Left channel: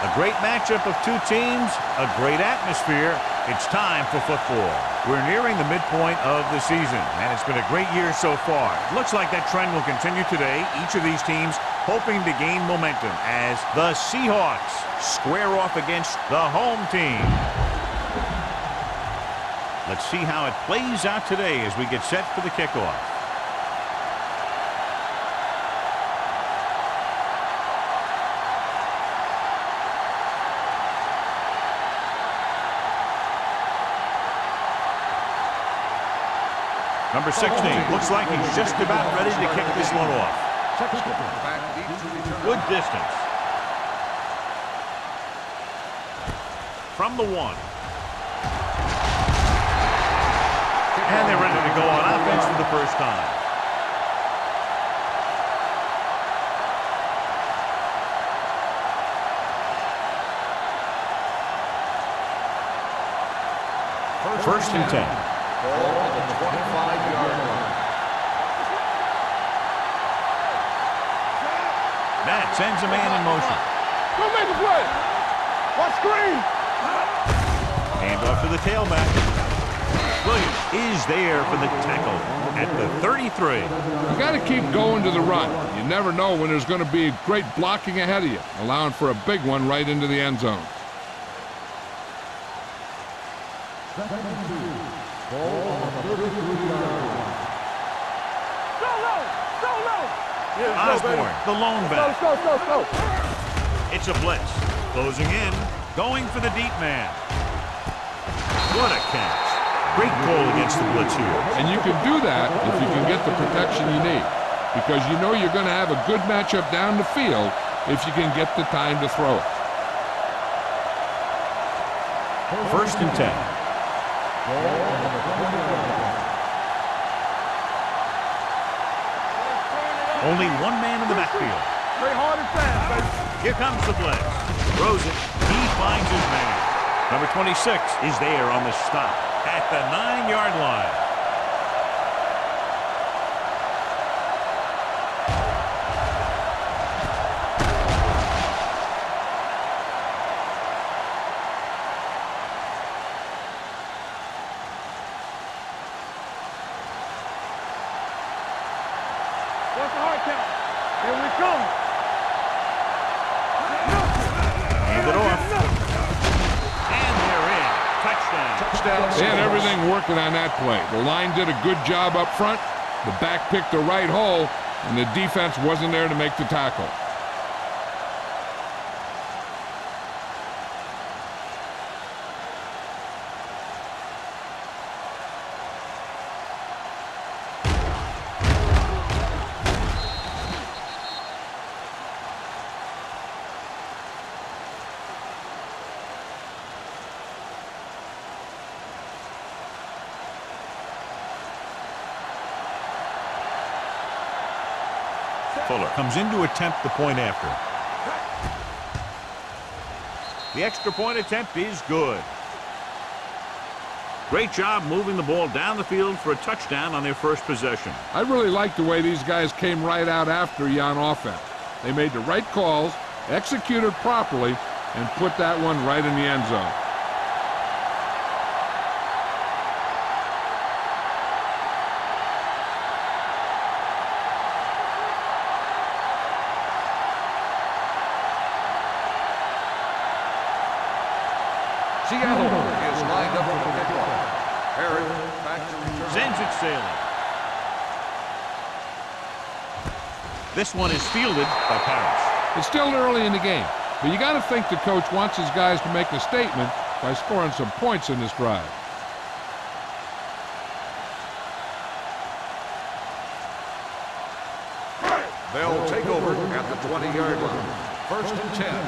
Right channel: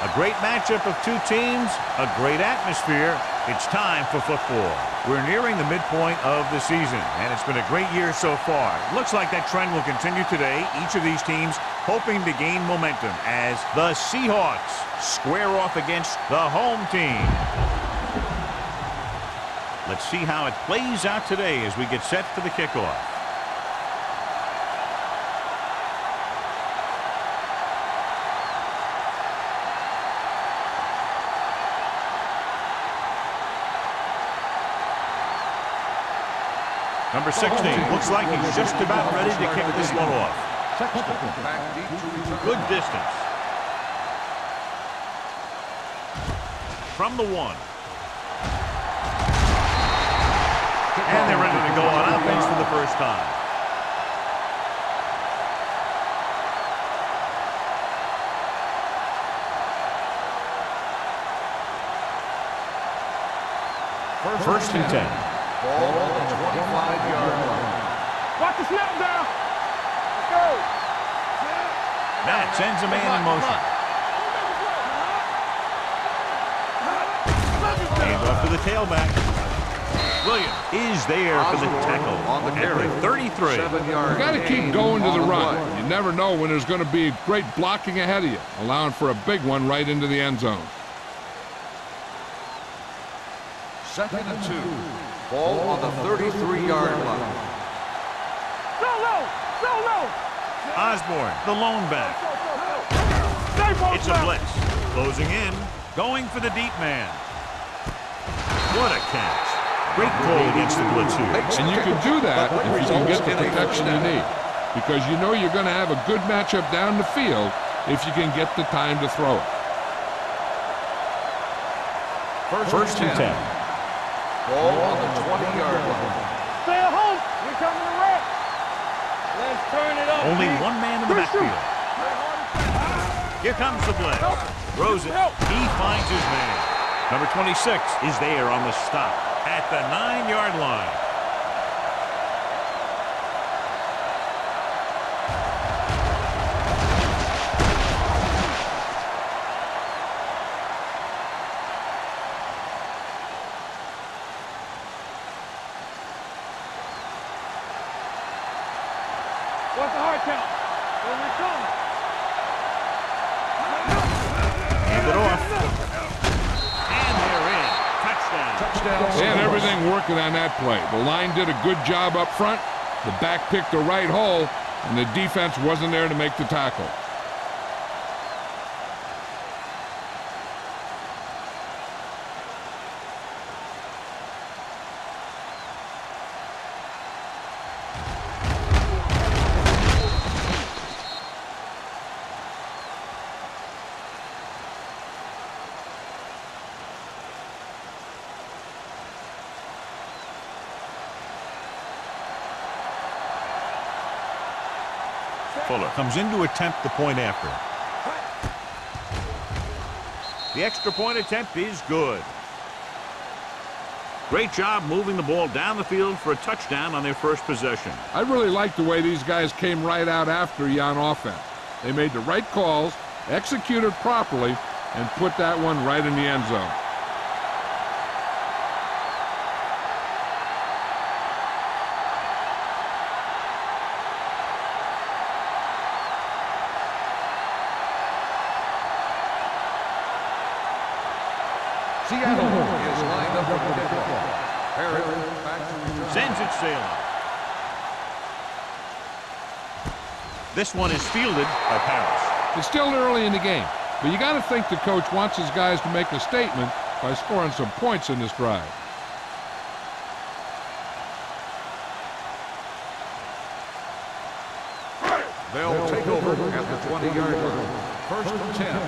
A great matchup of two teams, a great atmosphere. It's time for football. We're nearing the midpoint of the season, and it's been a great year so far. It looks like that trend will continue today. Each of these teams hoping to gain momentum as the Seahawks square off against the home team. Let's see how it plays out today as we get set for the kickoff. Number 16 looks like he's just about ready to kick this one off. Back deep to return. Good distance. From the 1. And they're ready to go on offense for the first time. First and 10. Ball on the 25-yard line. Matt sends a man in motion. Go make a play. Watch screen. Hand off to the tailback. Williams is there for the tackle at the 33. You got to keep going to the run. You never know when there's going to be great blocking ahead of you, allowing for a big one right into the end zone. 2nd and 2. Ball on the 33-yard line. Solo. Osborne, the lone back. It's a blitz. Closing in. Going for the deep man. What a catch. Great call against the blitz here. And you can do that if you can get the protection you need, because you know you're going to have a good matchup down the field if you can get the time to throw it. First and 10. Ball on the 20-yard line. Only one man in the backfield. Here comes the blitz. Throws it. He finds his man. Number 26 is there on the stop at the 9-yard line. What's the hard count? Here we come. Hand it off. And they're in. Touchdown. They had everything working on that play. The line did a good job up front. The back picked the right hole, and the defense wasn't there to make the tackle. Fuller comes in to attempt the point after. The extra point attempt is good. Great job moving the ball down the field for a touchdown on their first possession. I really like the way these guys came right out after you on offense. They made the right calls, executed properly, and put that one right in the end zone. Seattle is lined up for the kickoff. Herod back to return. Sends it sailing. This one is fielded by Paris. It's still early in the game, but you got to think the coach wants his guys to make a statement by scoring some points in this drive. They'll take over at the 20-yard line. 1st and 10.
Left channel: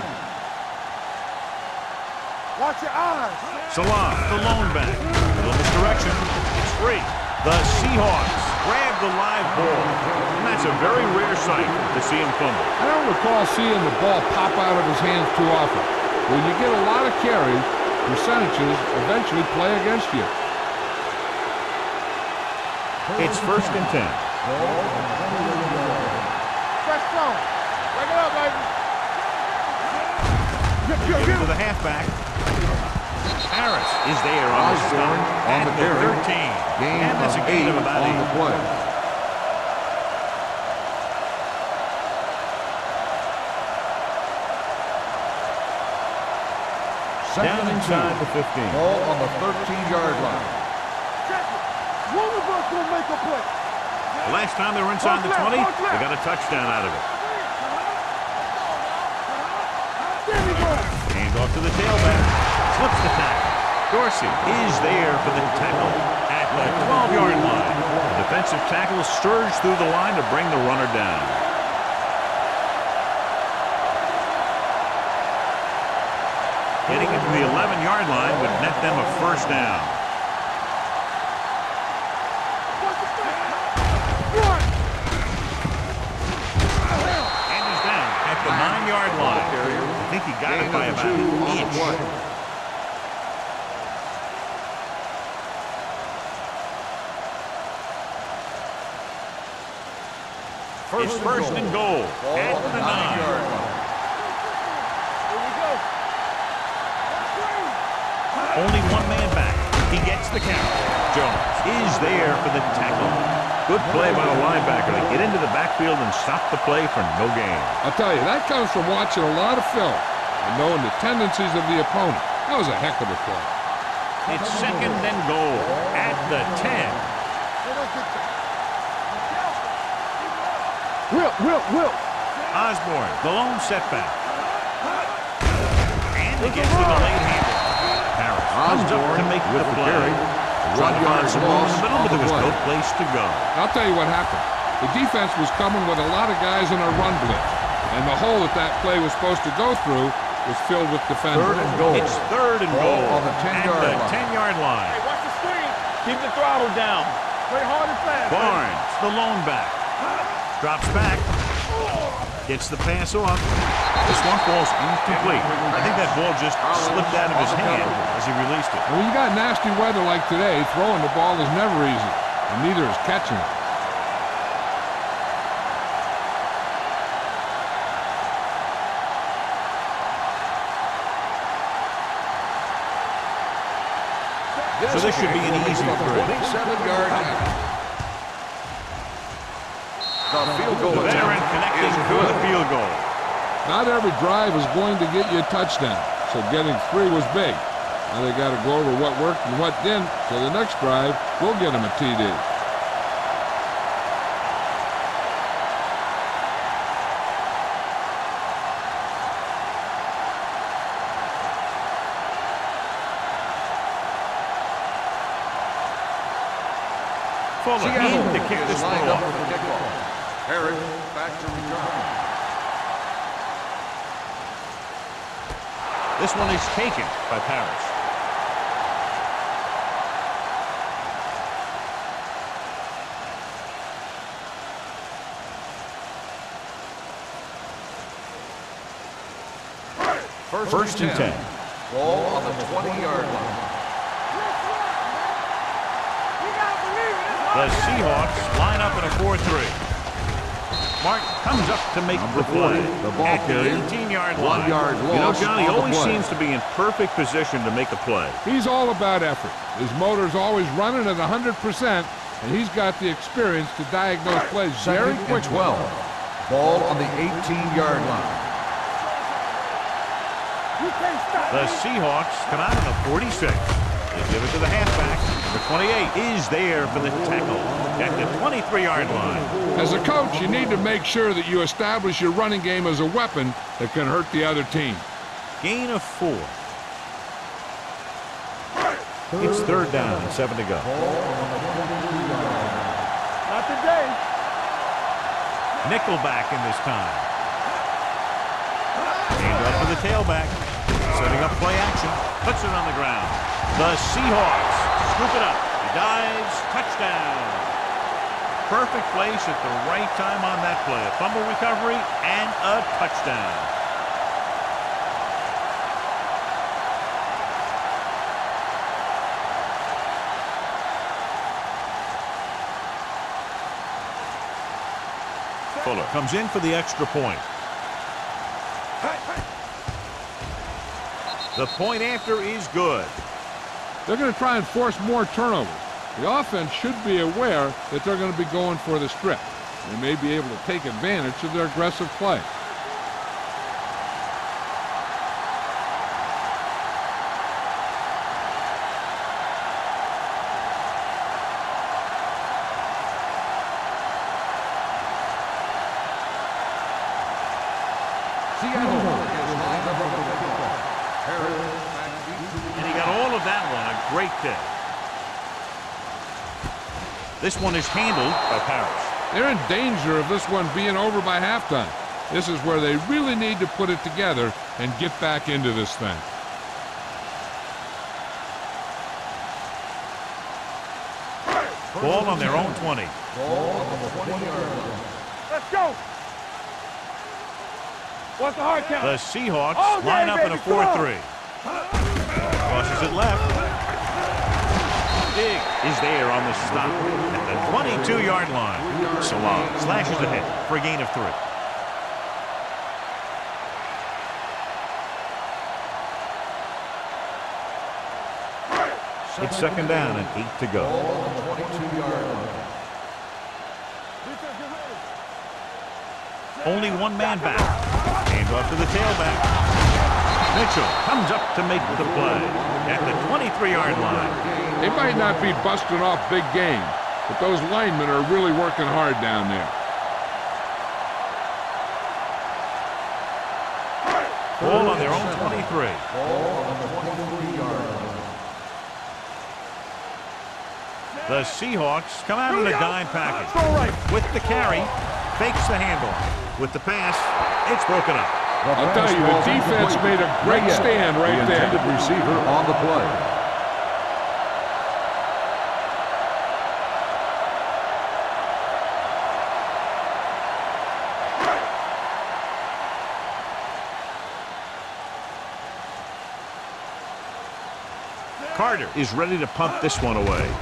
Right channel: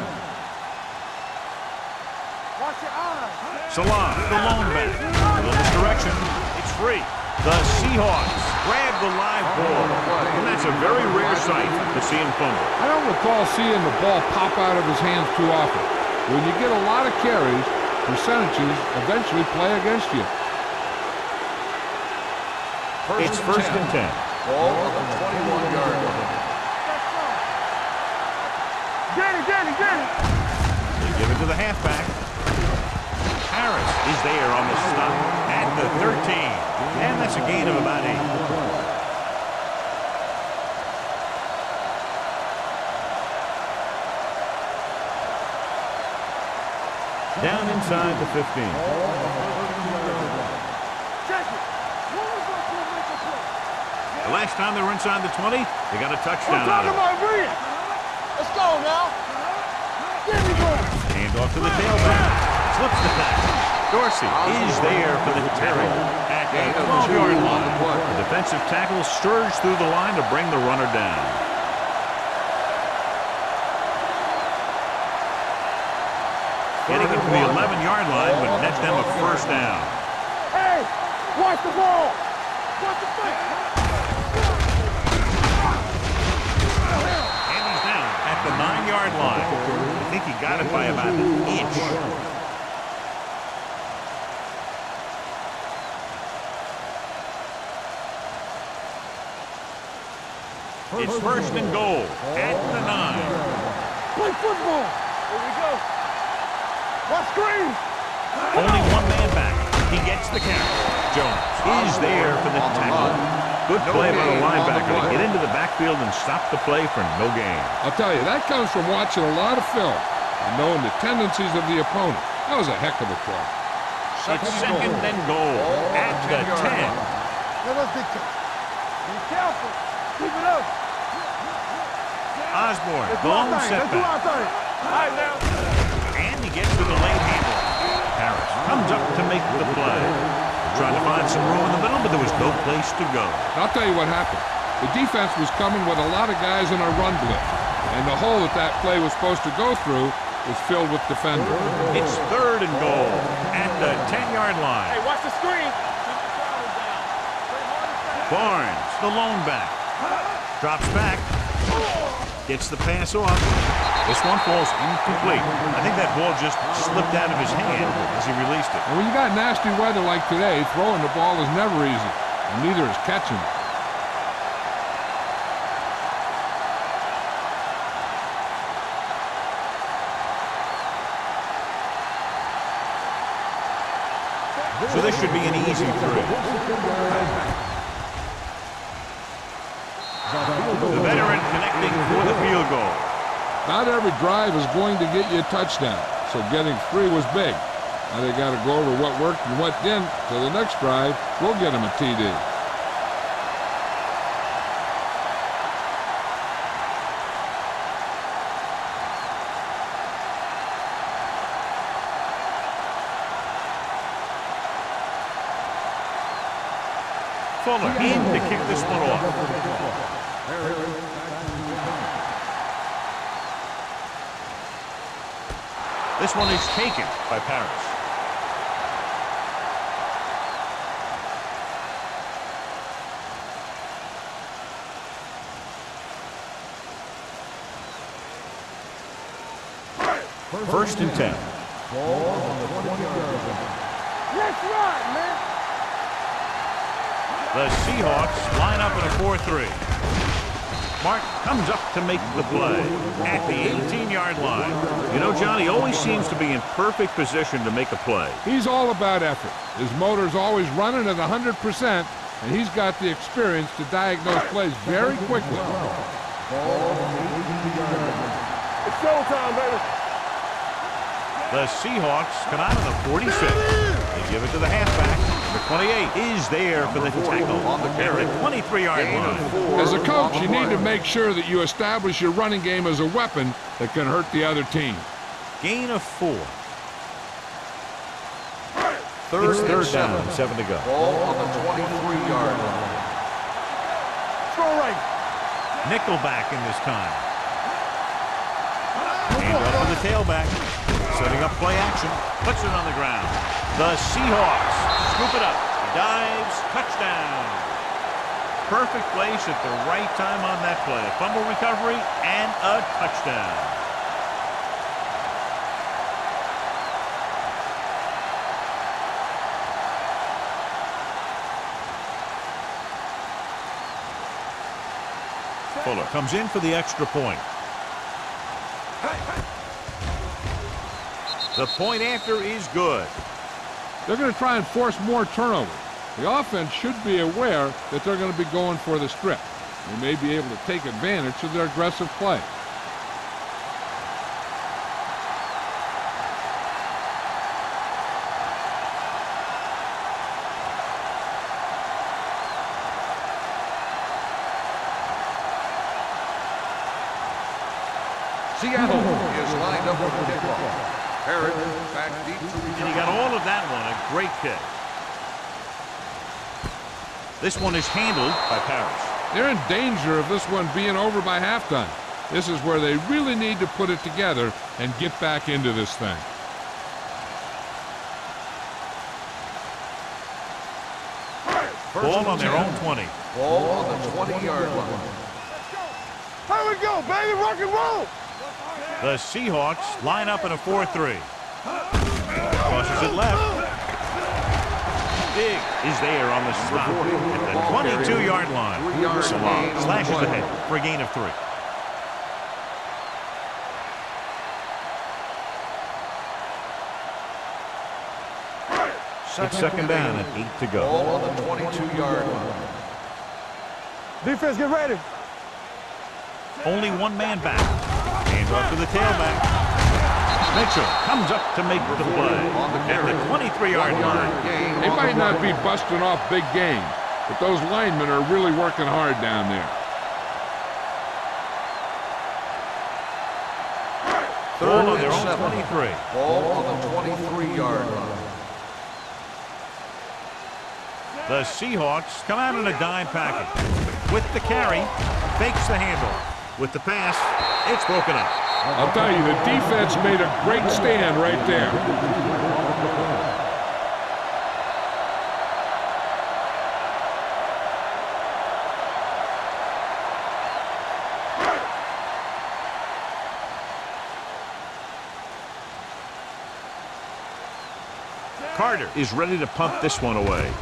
Watch your eyes. Salah, the lone back. A little misdirection. It's free. The Seahawks grab the live ball. And that's a very rare sight to see him fumble. I don't recall seeing the ball pop out of his hands too often. When you get a lot of carries, percentages eventually play against you. It's 1st and 10. Ball on the 21-yard line. Fresh throw. Bring it up, baby. Get it. halfback. Harris is there on the stop at the 13. And that's a gain of about 8. Down inside the 15. Ball on the 13-yard line. Check it. One of us will make a play. The last time they were inside the 20, they got a touchdown out of it. Let's go now. There we go. Hand off to the tailback. Slips the tackle. Dorsey is there for the tackle at the 12-yard line. The defensive tackle surged through the line to bring the runner down. Getting into the 11-yard line would net them a first down. Hey, watch the ball. Watch the fake. And he's down at the 9-yard line. I think he got it by about an inch. It's first and goal at the 9. Play football. Here we go. Watch screen. Only one man back. He gets the carry. Jones is there for the tackle. Good play by the linebacker to get into the backfield and stop the play for no gain. I'll tell you, that comes from watching a lot of film and knowing the tendencies of the opponent. That was a heck of a play. It's second and goal at the 10. Let us dictate. Be careful. Keep it up. Will. Osborne, the lone setback. And he gets to the late handle. Harris comes up to make the play. Trying to find some room in the middle, but there was no place to go. I'll tell you what happened. The defense was coming with a lot of guys in a run blitz, and the hole that play was supposed to go through was filled with defenders. It's third and goal at the 10-yard line. Hey, watch the screen. Keep the throttle down. Play hard and fast. Barnes, the lone back. Drops back. Gets the pass off. This one falls incomplete. I think that ball just slipped out of his hand as he released it. And when you got nasty weather like today, throwing the ball is never easy, and neither is catching it. So this should be an easy 3. 27-yard out. The veteran connecting for the field goal. Not every drive is going to get you a touchdown, so getting 3 was big. Now they got to go over what worked and what didn't, so the next drive will get them a TD. Fuller in to kick this one off. Herod back to return. This one is taken by Parrish. First and 10. Ball on the 20-yard line. Let's ride, man. The Seahawks line up in a 4-3. Martin comes up to make the play at the 18-yard line. You know, John, he always seems to be in perfect position to make a play. He's all about effort. His motor's always running at 100%, and he's got the experience to diagnose plays very quickly. Ball on the 18-yard line. It's showtime, baby. You can't stop. The Seahawks come out of the 46. They give it to the halfback. Number 28 is there for the tackle at the 23-yard line. As a coach, you need to make sure that you establish your running game as a weapon that can hurt the other team. Gain of 4. It's third down and 7 to go. Ball on the 23-yard line. Not today. Go right. Nickelback in this time. Hand up for the tailback. Setting up play action. Puts it on the ground. The Seahawks scoop it up. He dives. Touchdown. Perfect place at the right time on that play. A fumble recovery and a touchdown. Fuller comes in for the extra point. The The point after is good. They're going to try and force more turnovers. The offense should be aware that they're going to be going for the strip. They may be able to take advantage of their aggressive play. Seattle is lined up for the kickoff. Harris back deep to return. And he got all of that one. A great kick. This one is handled by Parrish. They're in danger of this one being over by halftime. This is where they really need to put it together and get back into this thing. Ball on their own 20. Ball on the 20-yard line. Let's go. Here we go, baby. Rock and roll. What's the hard count? The Seahawks line up in a 4-3. Crosses it left. Big is there on the stop at the 22-yard line. Salah slashes ahead for a gain of 3. It's second down and 8 to go. Ball on the 22-yard line. Defense, get ready. Only one man back. Hand off to the tailback. Mitchell comes up to make the play at the 23-yard line. They might not be busting off big games, but those linemen are really working hard down there. Ball on their own 23. Ball on the 23-yard line. The Seahawks come out in a dime package. With the carry, fakes the handoff. With the pass, it's broken up. I'll tell you, the defense made a great stand right there. Receiver on the play. Carter is ready to punt this one away.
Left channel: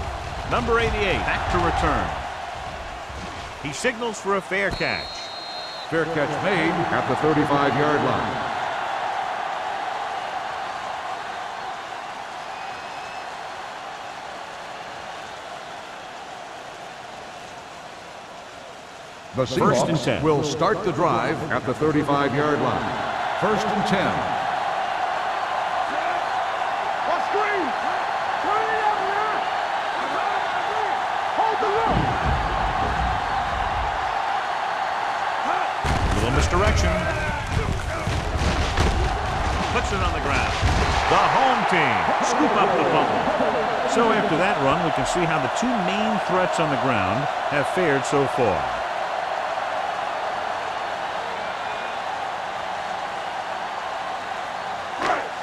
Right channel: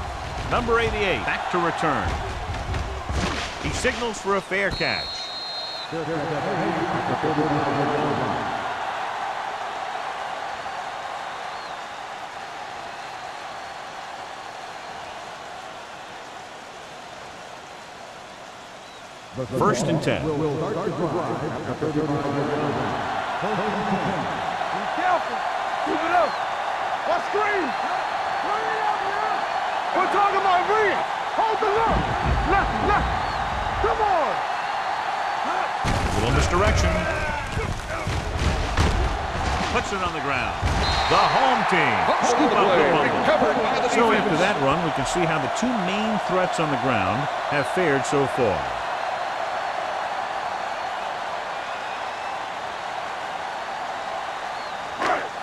Number 88 back to return. He signals for a fair catch. Fair catch made at the 35-yard line. The First and 10. will start the drive at the 35-yard line. First and 10. What screen? Turn it up now. We're talking about bring it. Hold the look. Come on. Little misdirection. Puts it on the ground. The home team scoop up the fumble. So after that run, we can see how the two main threats on the ground have fared so far.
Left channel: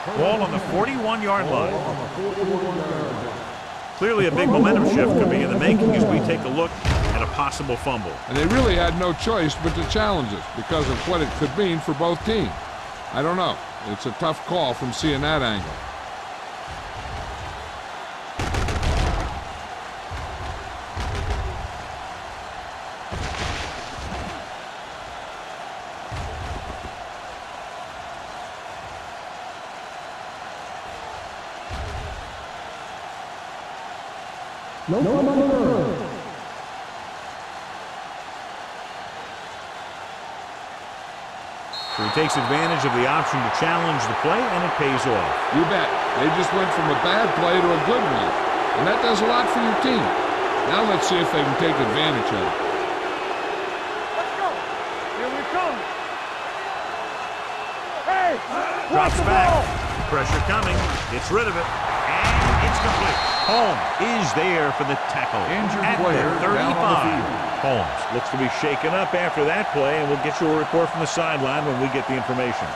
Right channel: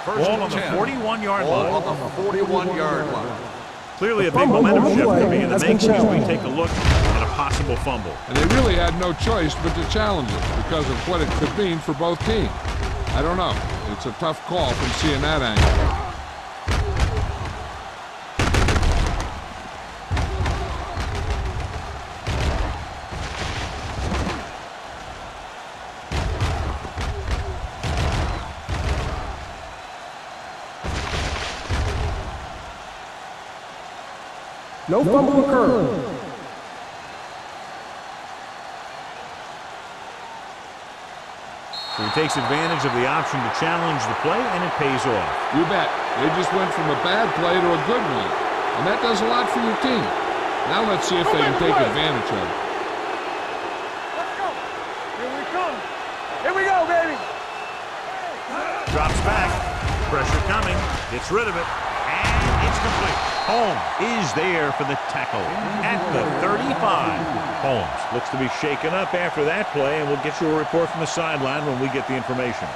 Ball on the 41-yard line. Ball on the 41-yard line. Clearly a big momentum shift could be in the making as we take a look at a possible fumble. And they really had no choice but to challenge it because of what it could mean for both teams. I don't know. It's a tough call from seeing that angle. No fumble occurred. So he takes advantage of the option to challenge the play, and it pays off. You bet. They just went from a bad play to a good one. And that does a lot for your team. Now let's see if they can take advantage of it. Let's go. Here we come. Here we go, baby. Hey. Drops back. Pressure coming. Gets rid of it. And it's complete. Holmes is there for the tackle at the 35. Holmes looks to be shaken up after that play, and we'll get you a report from the sideline when we get the information.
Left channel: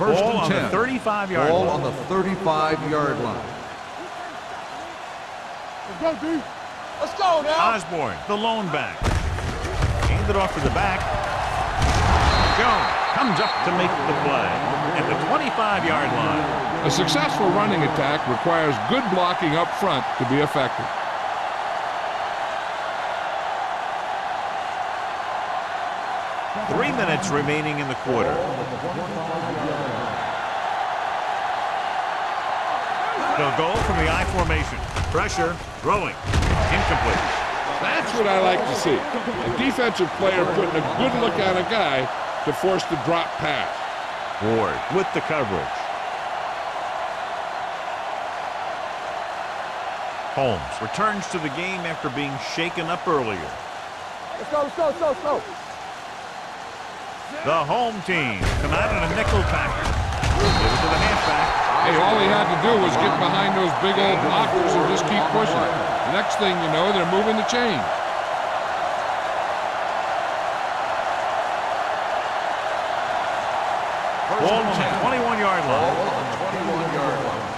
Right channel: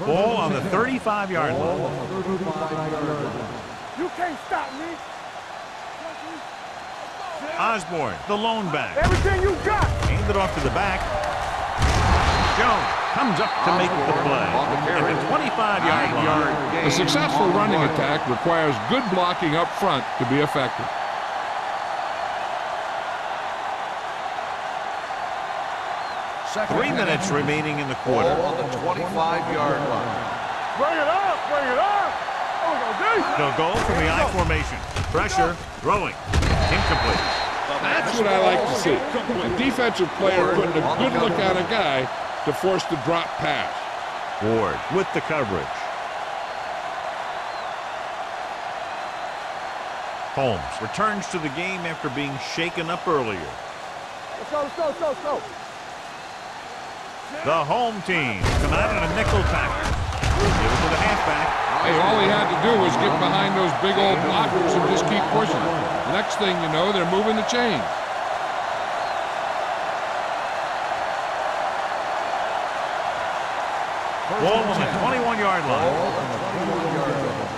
Ball on the 35-yard Ball line. on the 35-yard line. You can't stop me. Let's go, D. Let's go, man. Osborne, the lone back. Everything you got. Hand it off to the back. Jones comes up to make the play at the 25-yard line. A successful running attack requires good blocking up front to be effective. 3 minutes remaining in the quarter. Ball on the 25-yard line. Bring it up, bring it up. They'll go from the I formation. Pressure, throwing, incomplete. That's what I like to see. A defensive player putting a good look on a guy to force the drop pass. Ward with the coverage. Holmes returns to the game after being shaken up earlier. Let's go, let's go, let's go, let's go. The home team come out in a nickel package. Give it to the halfback. Hey, all he had to do was get behind those big old blockers and just keep pushing. The next thing you know, they're moving the chains. Ball on the 21-yard line. Ball on the 21-yard line.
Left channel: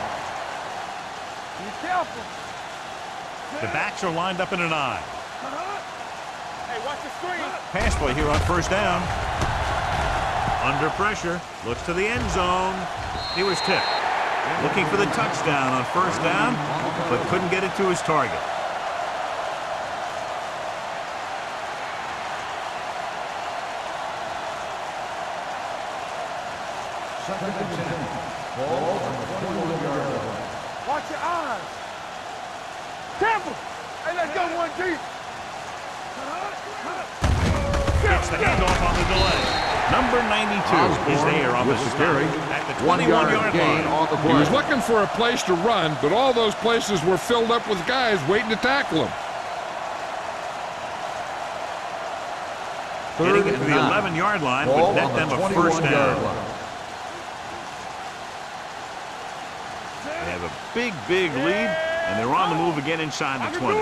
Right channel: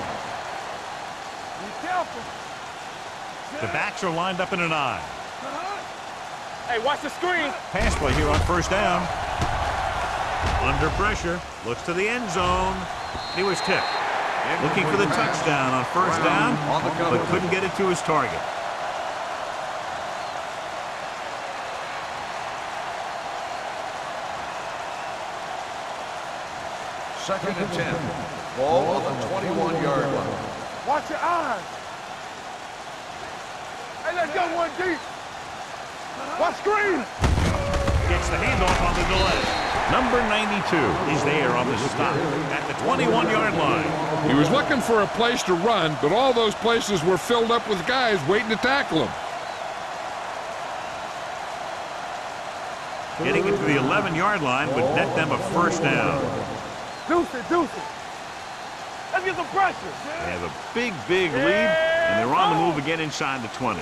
Be careful. The backs are lined up in an I. Hey, watch the screen. Pass play here on first down. Under pressure, looks to the end zone. He was tipped. Looking for the touchdown on first down, but couldn't get it to his target. Second and 10. Ball on the 21-yard line. Watch your eyes. Careful. Hey, let's go one deep. Watch screen. Gets the handoff on the delay. Number 92 is there on the stop at the 21-yard line. He was looking for a place to run, but all those places were filled up with guys waiting to tackle him. Getting it to the 11-yard line would net them a first down. Deuce it, deuce it. Let's get some pressure. They have a big, big lead, and they're on the move again inside the 20.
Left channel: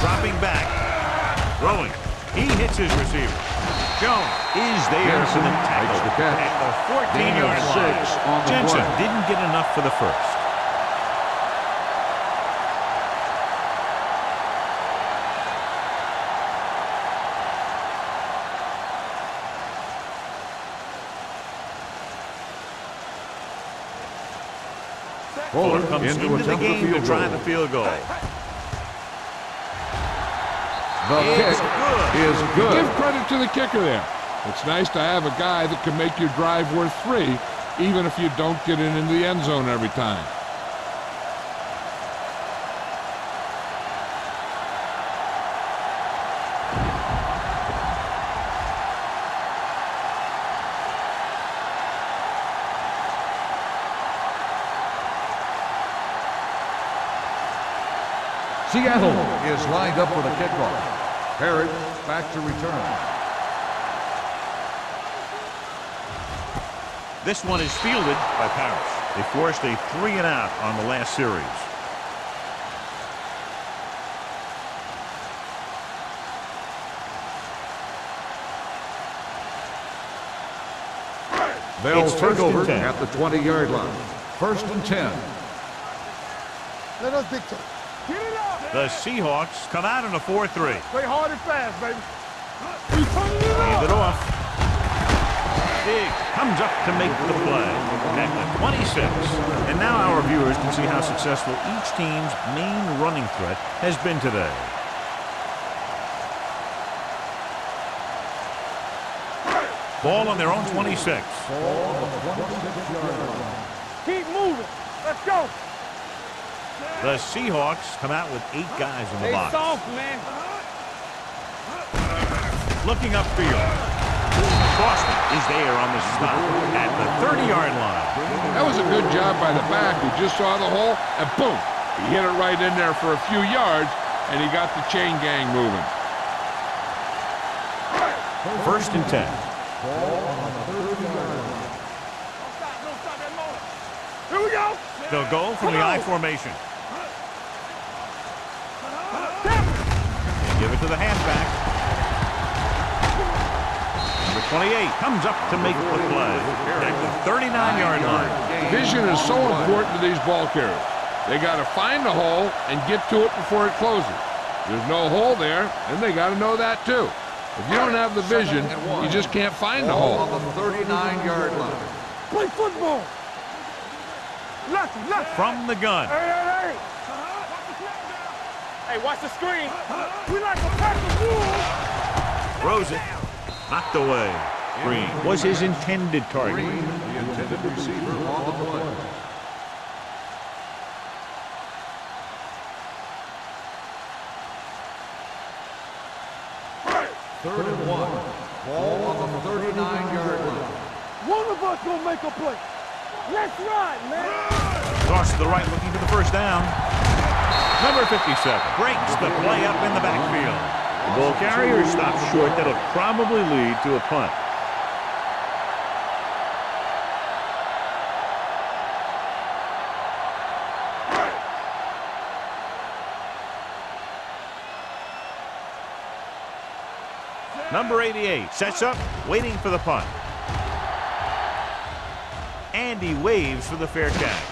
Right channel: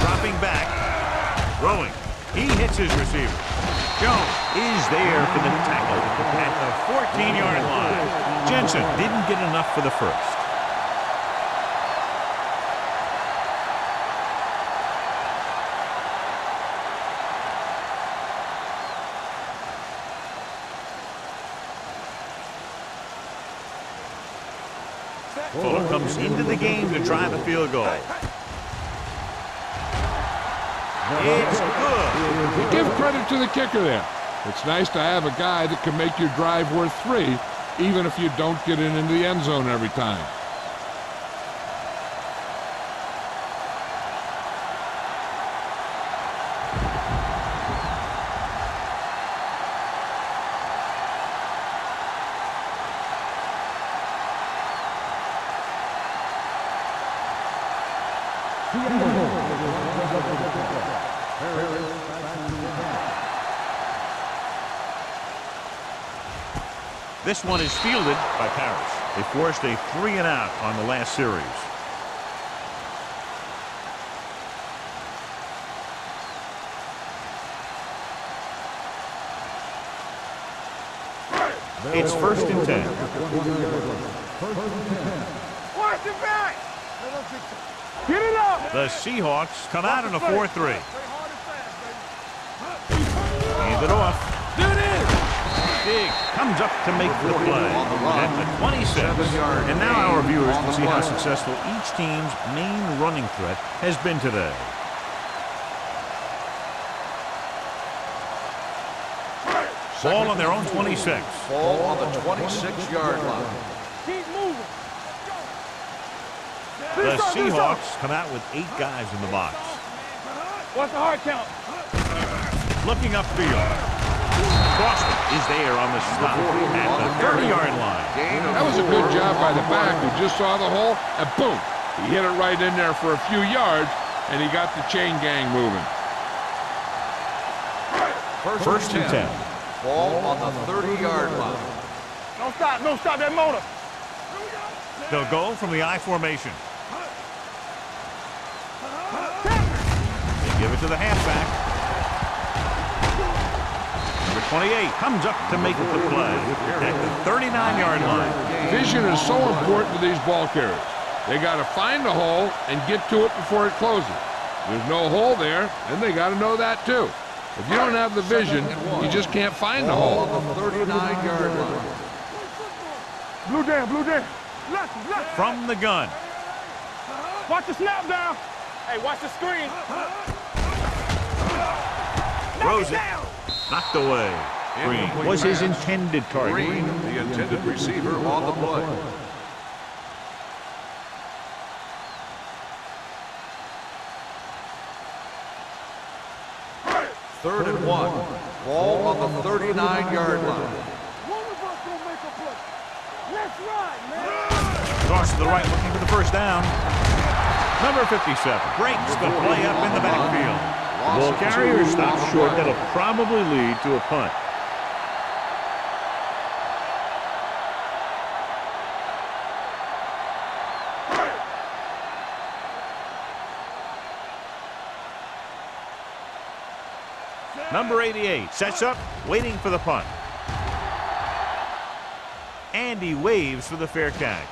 Dropping back, throwing. He hits his receiver. Jones is there for the tackle at the 14-yard line. Jensen didn't get enough for the first. Fuller comes into the game to try the field goal. It's good. Give credit to the kicker there. It's nice to have a guy that can make your drive worth 3, even if you don't get it into the end zone every time. Seattle is lined up for the kickoff. Harris back to return. This one is fielded by Parrish. They forced a 3-and-out on the last series. It's first and 10. At the 20-yard line. First and 10. Watch it back. Let us dictate. Get it up. The Seahawks come out in a 4-3. Play hard and fast, baby. Hand it off. Diggs comes up to make the play at the 26. And now our viewers can see how successful each team's main running threat has been today. Ball on their own 26. Ball on the 26-yard line. Keep moving. Let's go. The Seahawks come out with 8 guys in the box. What's the hard count? Looking upfield. Boston is there on the stop at the 30-yard line. That was a good job by the back who just saw the hole, and boom, he hit it right in there for a few yards, and he got the chain gang moving. First and 10. Ball on the 30-yard line. Don't stop that motor. Here we go. They'll go from the I formation. They give it to the halfback. Number 28 comes up to make the play at the 39-yard line. Vision is so important to these ball carriers. They got to find the hole and get to it before it closes. There's no hole there, and they got to know that too. If you don't have the vision, you just can't find the hole. Ball on the 39-yard line. Play football. Blue down, blue down. Lucky. From the gun. Hey. Watch the snap down. Hey, watch the screen. We like to Throws it. Knocked away. Green was his intended target. Green, the intended receiver on the play. Third and 1. Ball on the 39-yard line. One of us gonna make a play. Let's ride, man. Toss to the right, looking for the first down. Number 57 breaks the play up in the backfield. The ball carrier stops short. That'll probably lead to a punt. Number 88 sets up, waiting for the punt. And he waves for the fair catch.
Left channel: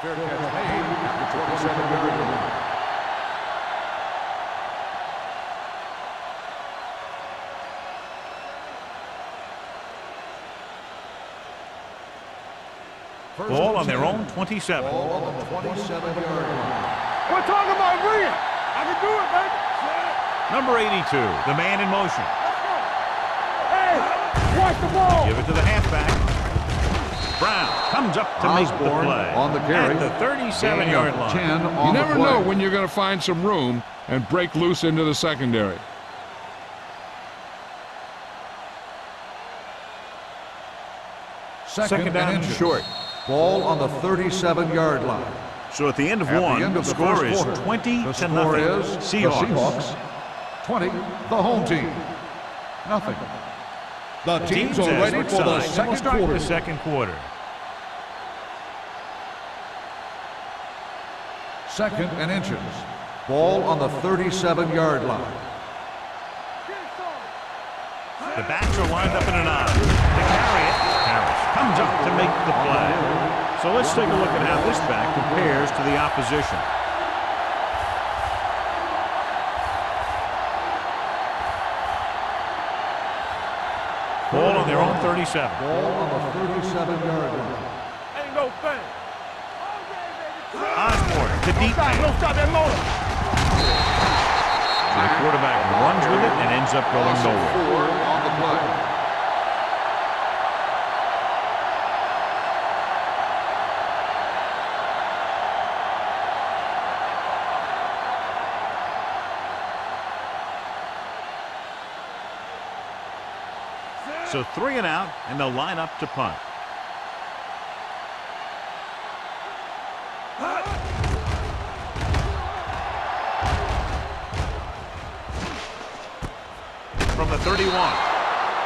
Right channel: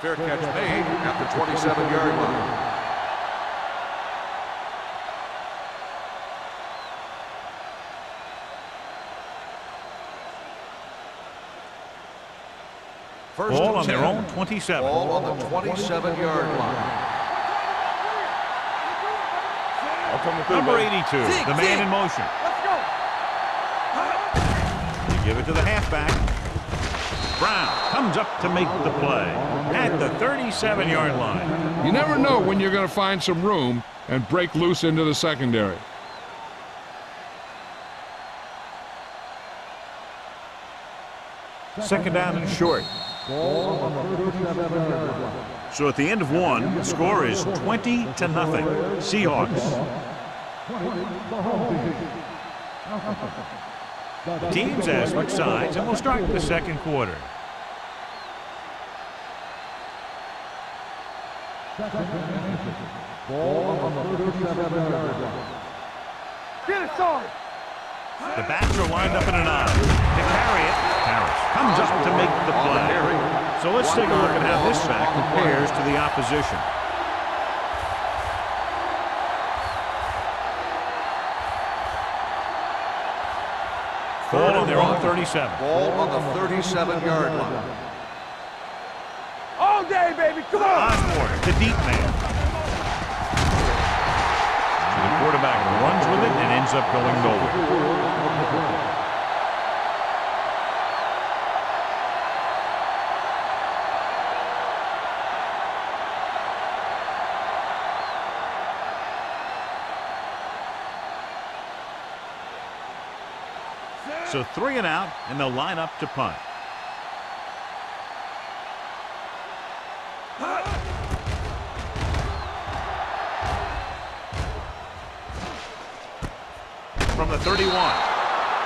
Fair catch made at the 27-yard line. Ball on their own 27. Ball on the 27-yard line. We're talking about Green. I can do it, baby. Number 82, the man in motion. Let's go. Hey, watch the ball. Give it to the halfback. Brown comes up to make the play at the 37-yard line. You never know when you're going to find some room and break loose into the secondary. Second down and short. Ball on the 37-yard line. So at the end of one, the score is 20-0. Seahawks. 20, the home team. Nothing. The Teams as switch sides, and we'll start the second quarter. Second and inches. Ball on the 37-yard line. Get it, son. The backs are lined up in an I. To carry it, Harris comes up to make the play. So let's take a look at how this back compares to the opposition. Ball on their own 37. Ball on the 37-yard line. Ain't no thing. All day, baby. Come on. Osborne, the deep man. Don't stop that motor. So the quarterback runs with it and ends up going nowhere. Four on the play. So 3 and out, and they'll line up to punt. From the 31.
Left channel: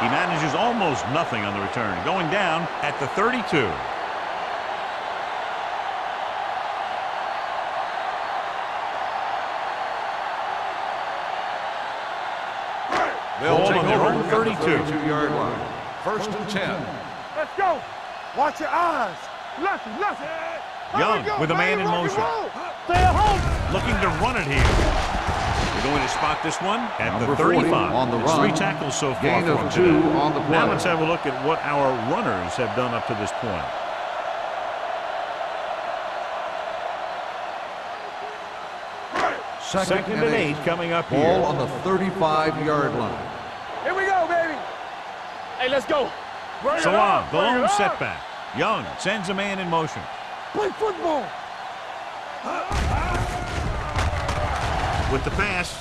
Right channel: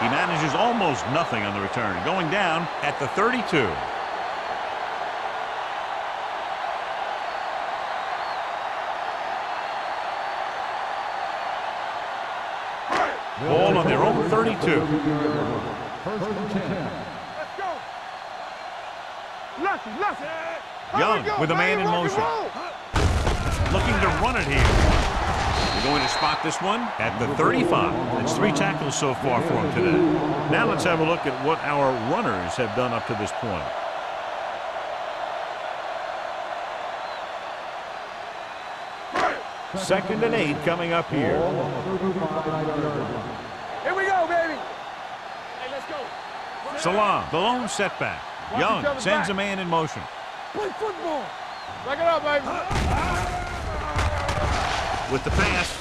He manages almost nothing on the return, going down at the 32. Ball on their own 32. 32-yard line. First and 10. Let's go. Watch your eyes. Lefty, lefty. Young with a man in motion. Looking to run it here. They're going to spot this one at the 35. It's 3 tackles so far for him today. Now let's have a look at what our runners have done up to this point. Second and 8 coming up here. Ball on the 35-yard line. Here we go, baby. Hey, let's go. Salam, the lone setback. Young sends a man in motion. Play football. Back it up, baby. With the pass,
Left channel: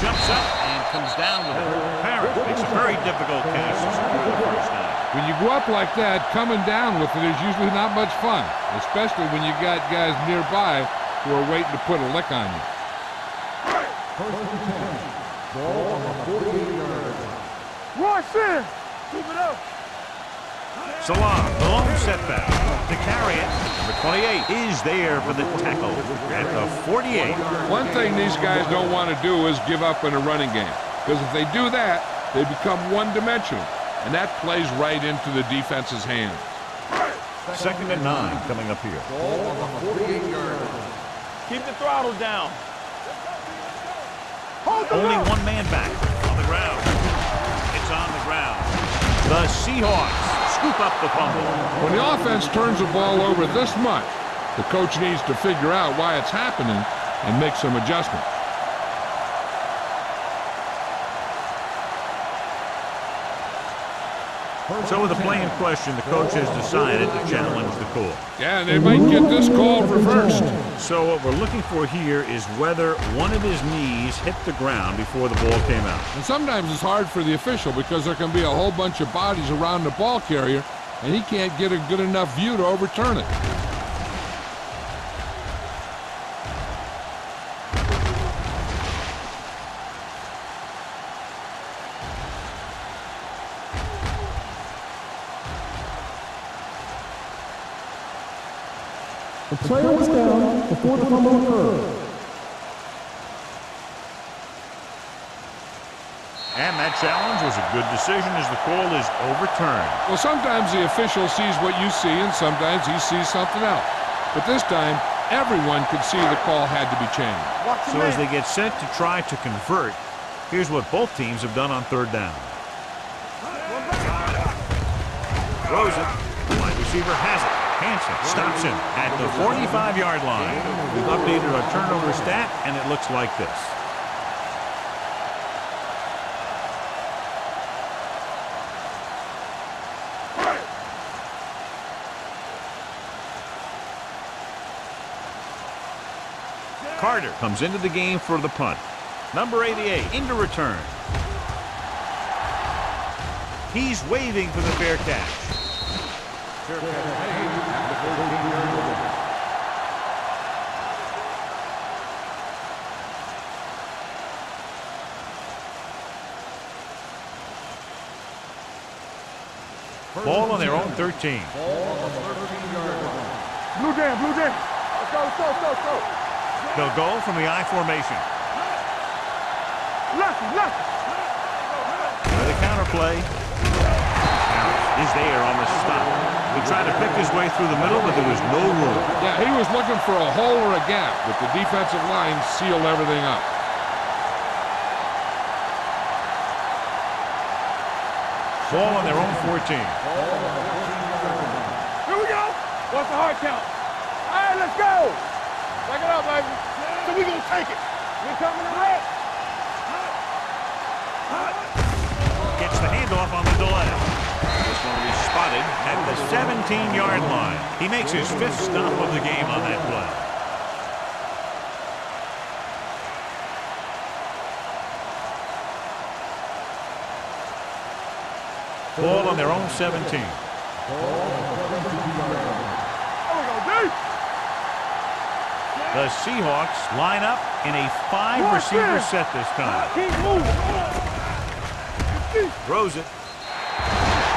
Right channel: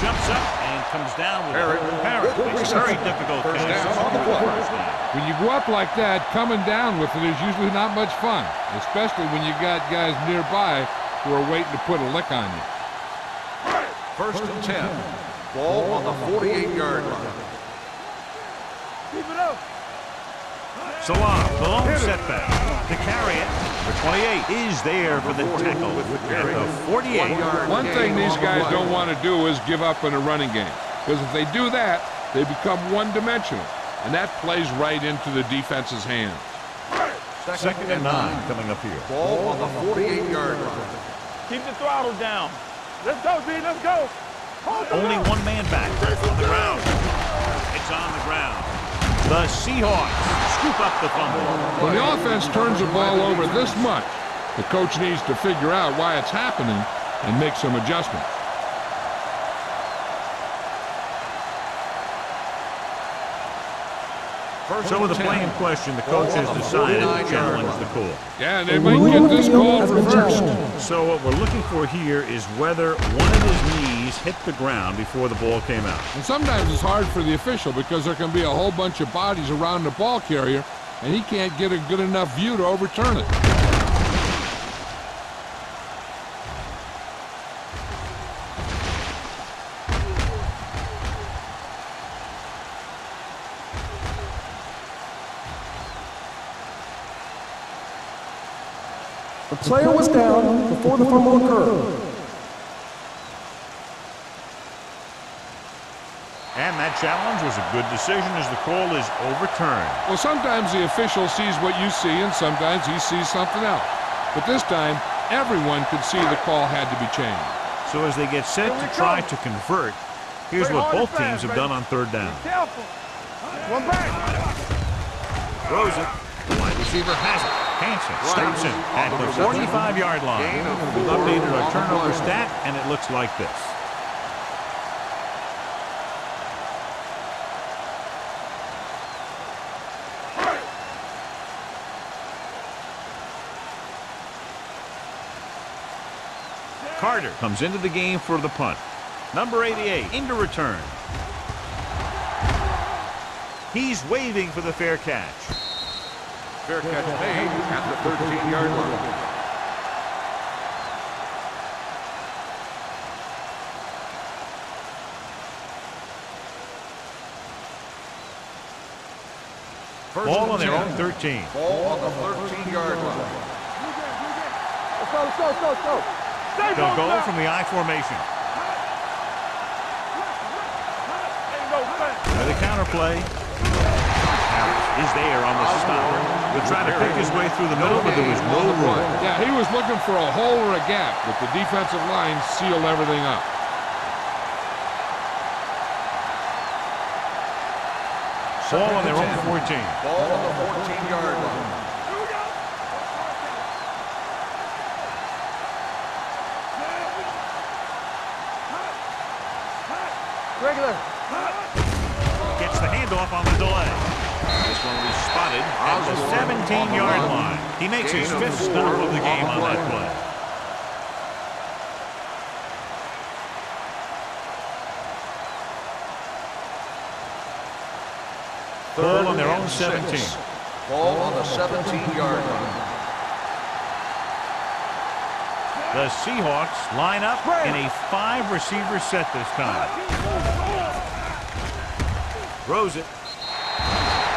jumps up and comes down with it. Parrott makes a very difficult catch to secure the first down. When you go up like that, coming down with it is usually not much fun, especially when you got guys nearby who are waiting to put a lick on you. First and 10. Ball on the 48-yard line. Watch this. Keep it up. Salam, the lone setback. To carry it, number 28 is there for the tackle at the 48. One thing these guys don't want to do is give up in a running game, because if they do that, they become one-dimensional, and that plays right into the defense's hands. Second and 9 coming up here. Ball on the 48-yard line. Keep the throttle down. Let's go, D. Let's go. Hold the Only loop. one man back on the ground. It's on the ground. The Seahawks scoop up the fumble. When the offense turns the ball over this much, the coach needs to figure out why it's happening and make some adjustments. So with the play in question, the coach has decided to challenge the call. Yeah, and they might get this call reversed. So what we're looking for here is whether one of his knees hit the ground before the ball came out. And sometimes it's hard for the official because there can be a whole bunch of bodies around the ball carrier, and he can't get a good enough view to overturn it. The player was down before the fumble occurred. And that challenge was a good decision as the call is overturned. Well, sometimes the official sees what you see, and sometimes he sees something else. But this time, everyone could see the call had to be changed. So as they get set to try to convert, here's what both teams have done on third down. Throws it. The wide receiver has it. Hansen stops him at the 45-yard line. We've updated our turnover stat, and it looks like this. Carter comes into the game for the punt. Number 88 into return. He's waving for the fair catch. Fair catch made at the 13-yard line. Ball on their own 13. Ball on the 13-yard line. Blue jam, blue jam. Let's go, let's go, let's go, let's go. They'll go from the I formation. With the counterplay. Harris is there on the stop. He tried to pick his way through the middle, but there was no room. Yeah, he was looking for a hole or a gap, but the defensive line sealed everything up. Ball on their own 14. Ball on the 14-yard line. Here we go. What's the hard count? All right, let's go. Back it up, baby. So we gonna take it. You coming hot? Regular. Gets the handoff on the delay. This one will be spotted at the 17-yard line. He makes his fifth stop of the game on that play. Ball on their own 17. Ball on the 17-yard line. The Seahawks line up in a 5-receiver set this time. Throws it.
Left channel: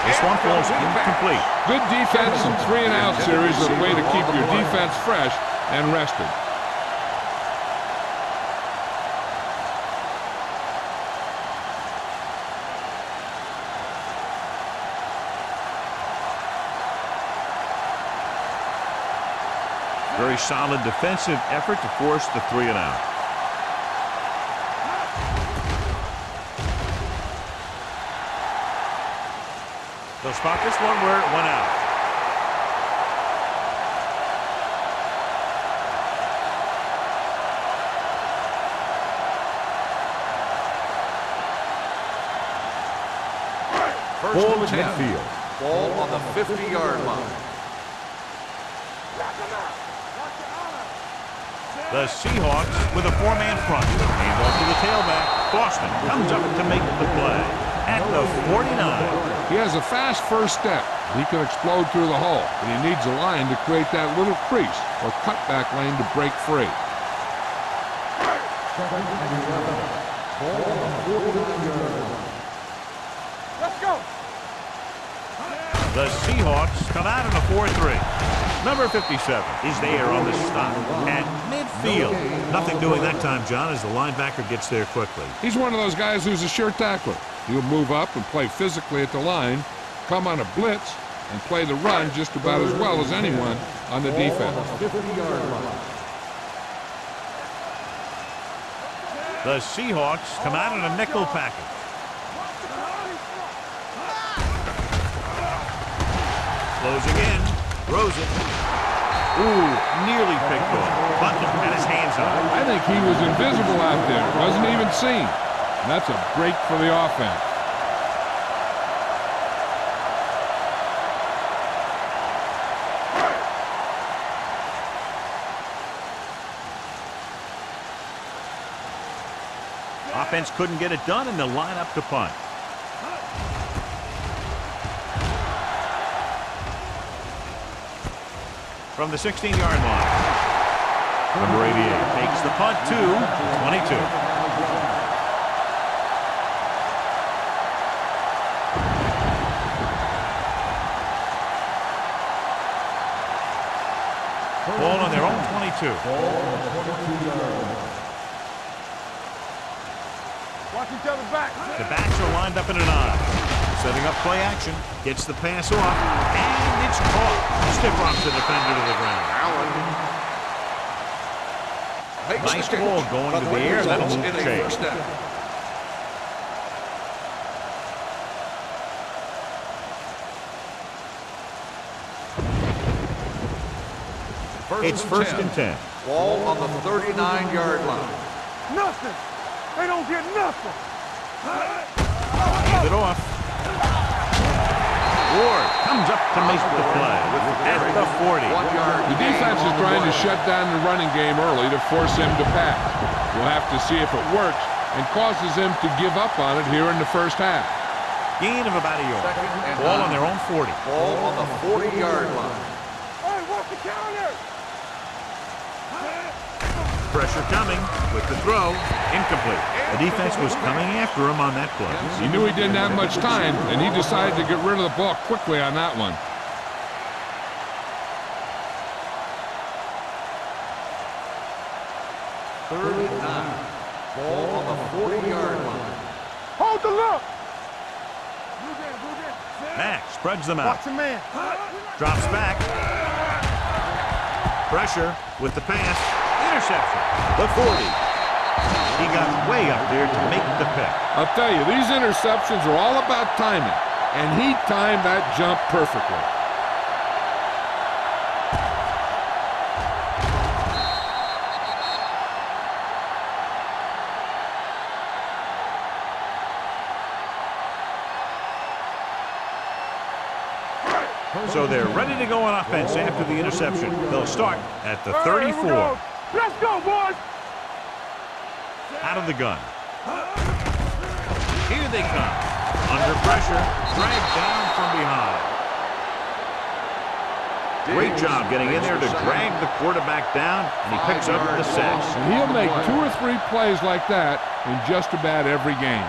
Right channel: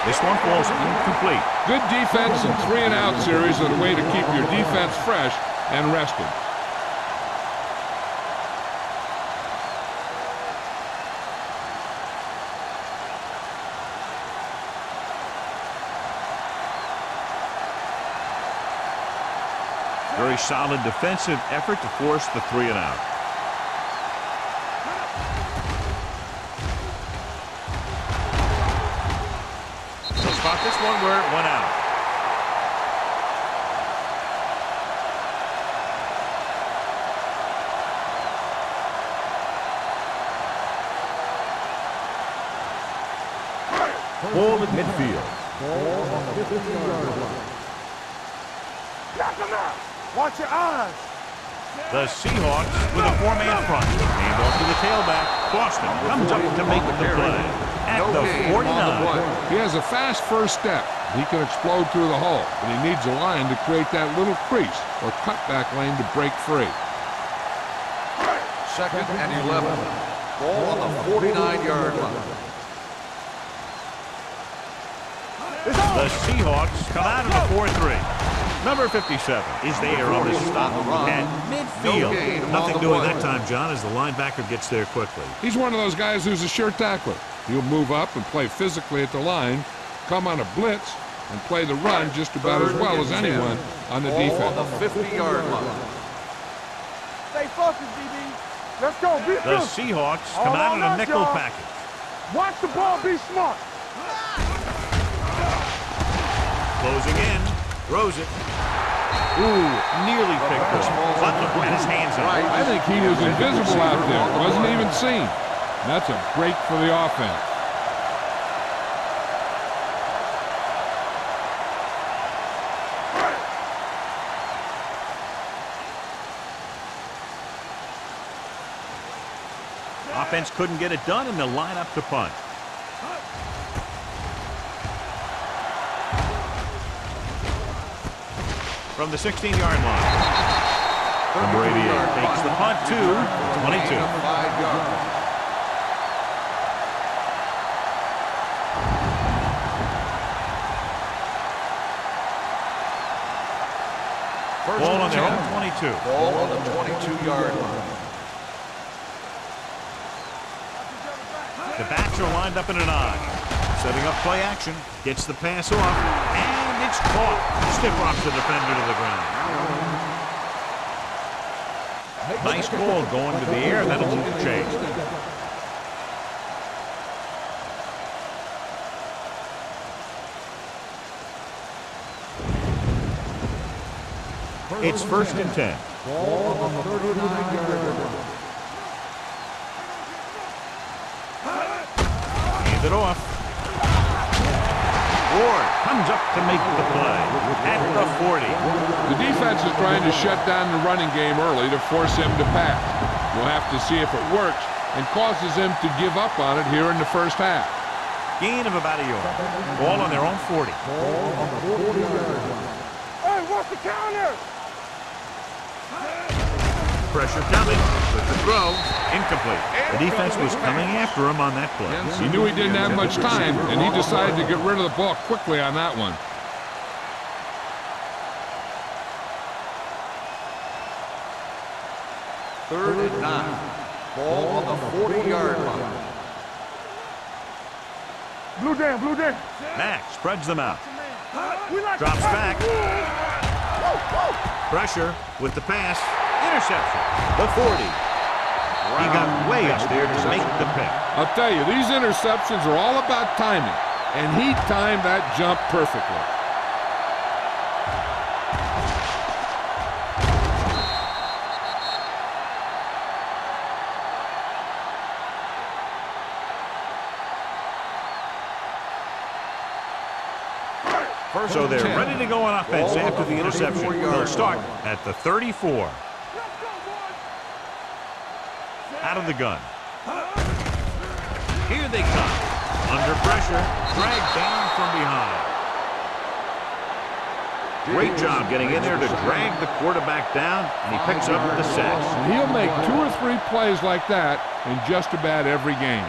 This one falls incomplete. Good defense and 3-and-out series are the way to keep your defense fresh and rested. Very solid defensive effort to force the 3-and-out. They'll spot this one where it went out. Ball at midfield. Ball on the 50-yard line. Knock him out. Watch your eyes. The Seahawks with a 4-man front. Hand off to the tailback. Boston comes up to make the play at the 49. He has a fast first step. He can explode through the hole, but he needs a line to create that little crease or cutback lane to break free. 2nd and 11. Ball on the 49-yard line. Let's go. The Seahawks come out in a 4-3. Number 57 is there on the stop at midfield. Nothing doing that time, John, as the linebacker gets there quickly. He's one of those guys who's a sure tackler. He'll move up and play physically at the line, come on a blitz, and play the run just about as well as anyone on the defense. 50-yard line. Stay focused, DB. Let's go. Be The good. Seahawks come out in a nickel package. Watch the ball. Be smart. Closing in, throws it. Ooh, nearly picked off. Butler had his hands up. I think he was invisible out there. Wasn't even seen. And that's a break for the offense. Offense couldn't get it done, and they'll line up to punt. From the 16-yard line, number 88 takes the punt to the 22. Ball on their own 22. Ball on the 22-yard line. Watch each other back. The backs are lined up in an I. Setting up play action. Gets the pass off. And it's caught. Stiff arms the defender to the ground. Nice ball going to the air. That'll move the chains. It's first and 10. Ball on the 39-yard line. Nothing. They don't get nothing. Hand it off. Ward comes up to make the play at the 40. The defense is trying to shut down the running game early to force him to pass. We'll have to see if it works and causes him to give up on it here in the first half. Gain of about a yard. Ball on their own 40. Ball on the 40-yard line. Hey, what's the counter? Pressure coming with the throw. Incomplete. The defense was coming after him on that play. He knew he didn't have much time, and he decided to get rid of the ball quickly on that one. Third and 9. Ball on the 40-yard line. Hold the look. Blue down. Mack spreads them out. Man. Drops back. Pressure with the pass. Interception. The 40. He got way up there to make the pick. I'll tell you, these interceptions are all about timing, and he timed that jump perfectly. So they're ready to go on offense after the interception. They'll start at the 34. Let's go, boys. Out of the gun. Here they come. Under pressure. Dragged down from behind. Great job getting in there to drag the quarterback down, and he picks up the sack. And he'll make 2 or 3 plays like that in just about every game.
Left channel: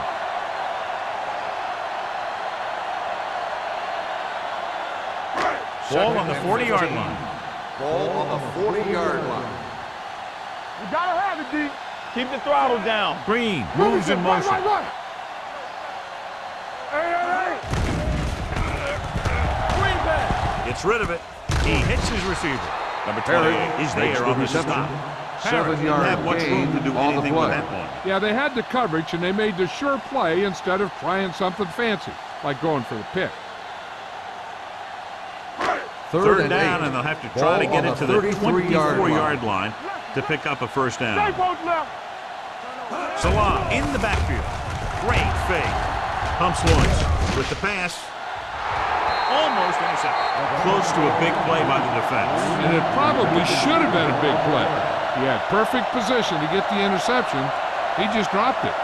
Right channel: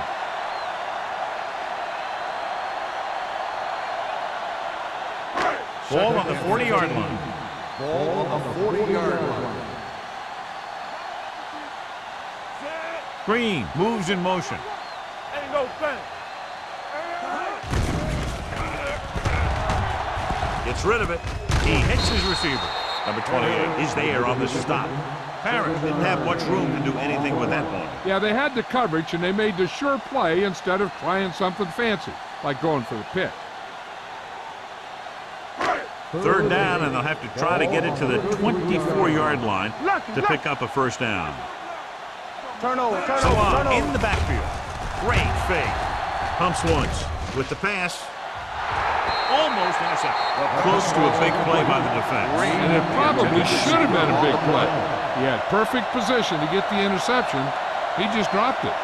Ball on the 40-yard line. Ball on the 40-yard line. You gotta have it, D. Keep the throttle down. Green moves in motion. Run. Ain't no thing. Gets rid of it. He hits his receiver. Number 28 is there on the stop. Parrish didn't have much room to do anything with that one. Yeah, they had the coverage, and they made the sure play instead of trying something fancy, like going for the pick. Third down, and they'll have to try to get it to the 24-yard line to pick up a first down. Turnover. Salah in the backfield. Great fake. Pumps once with the pass. Almost intercepted. Close to a big play by the defense. And it probably should have been a big play. He had perfect position to get the interception. He just dropped it.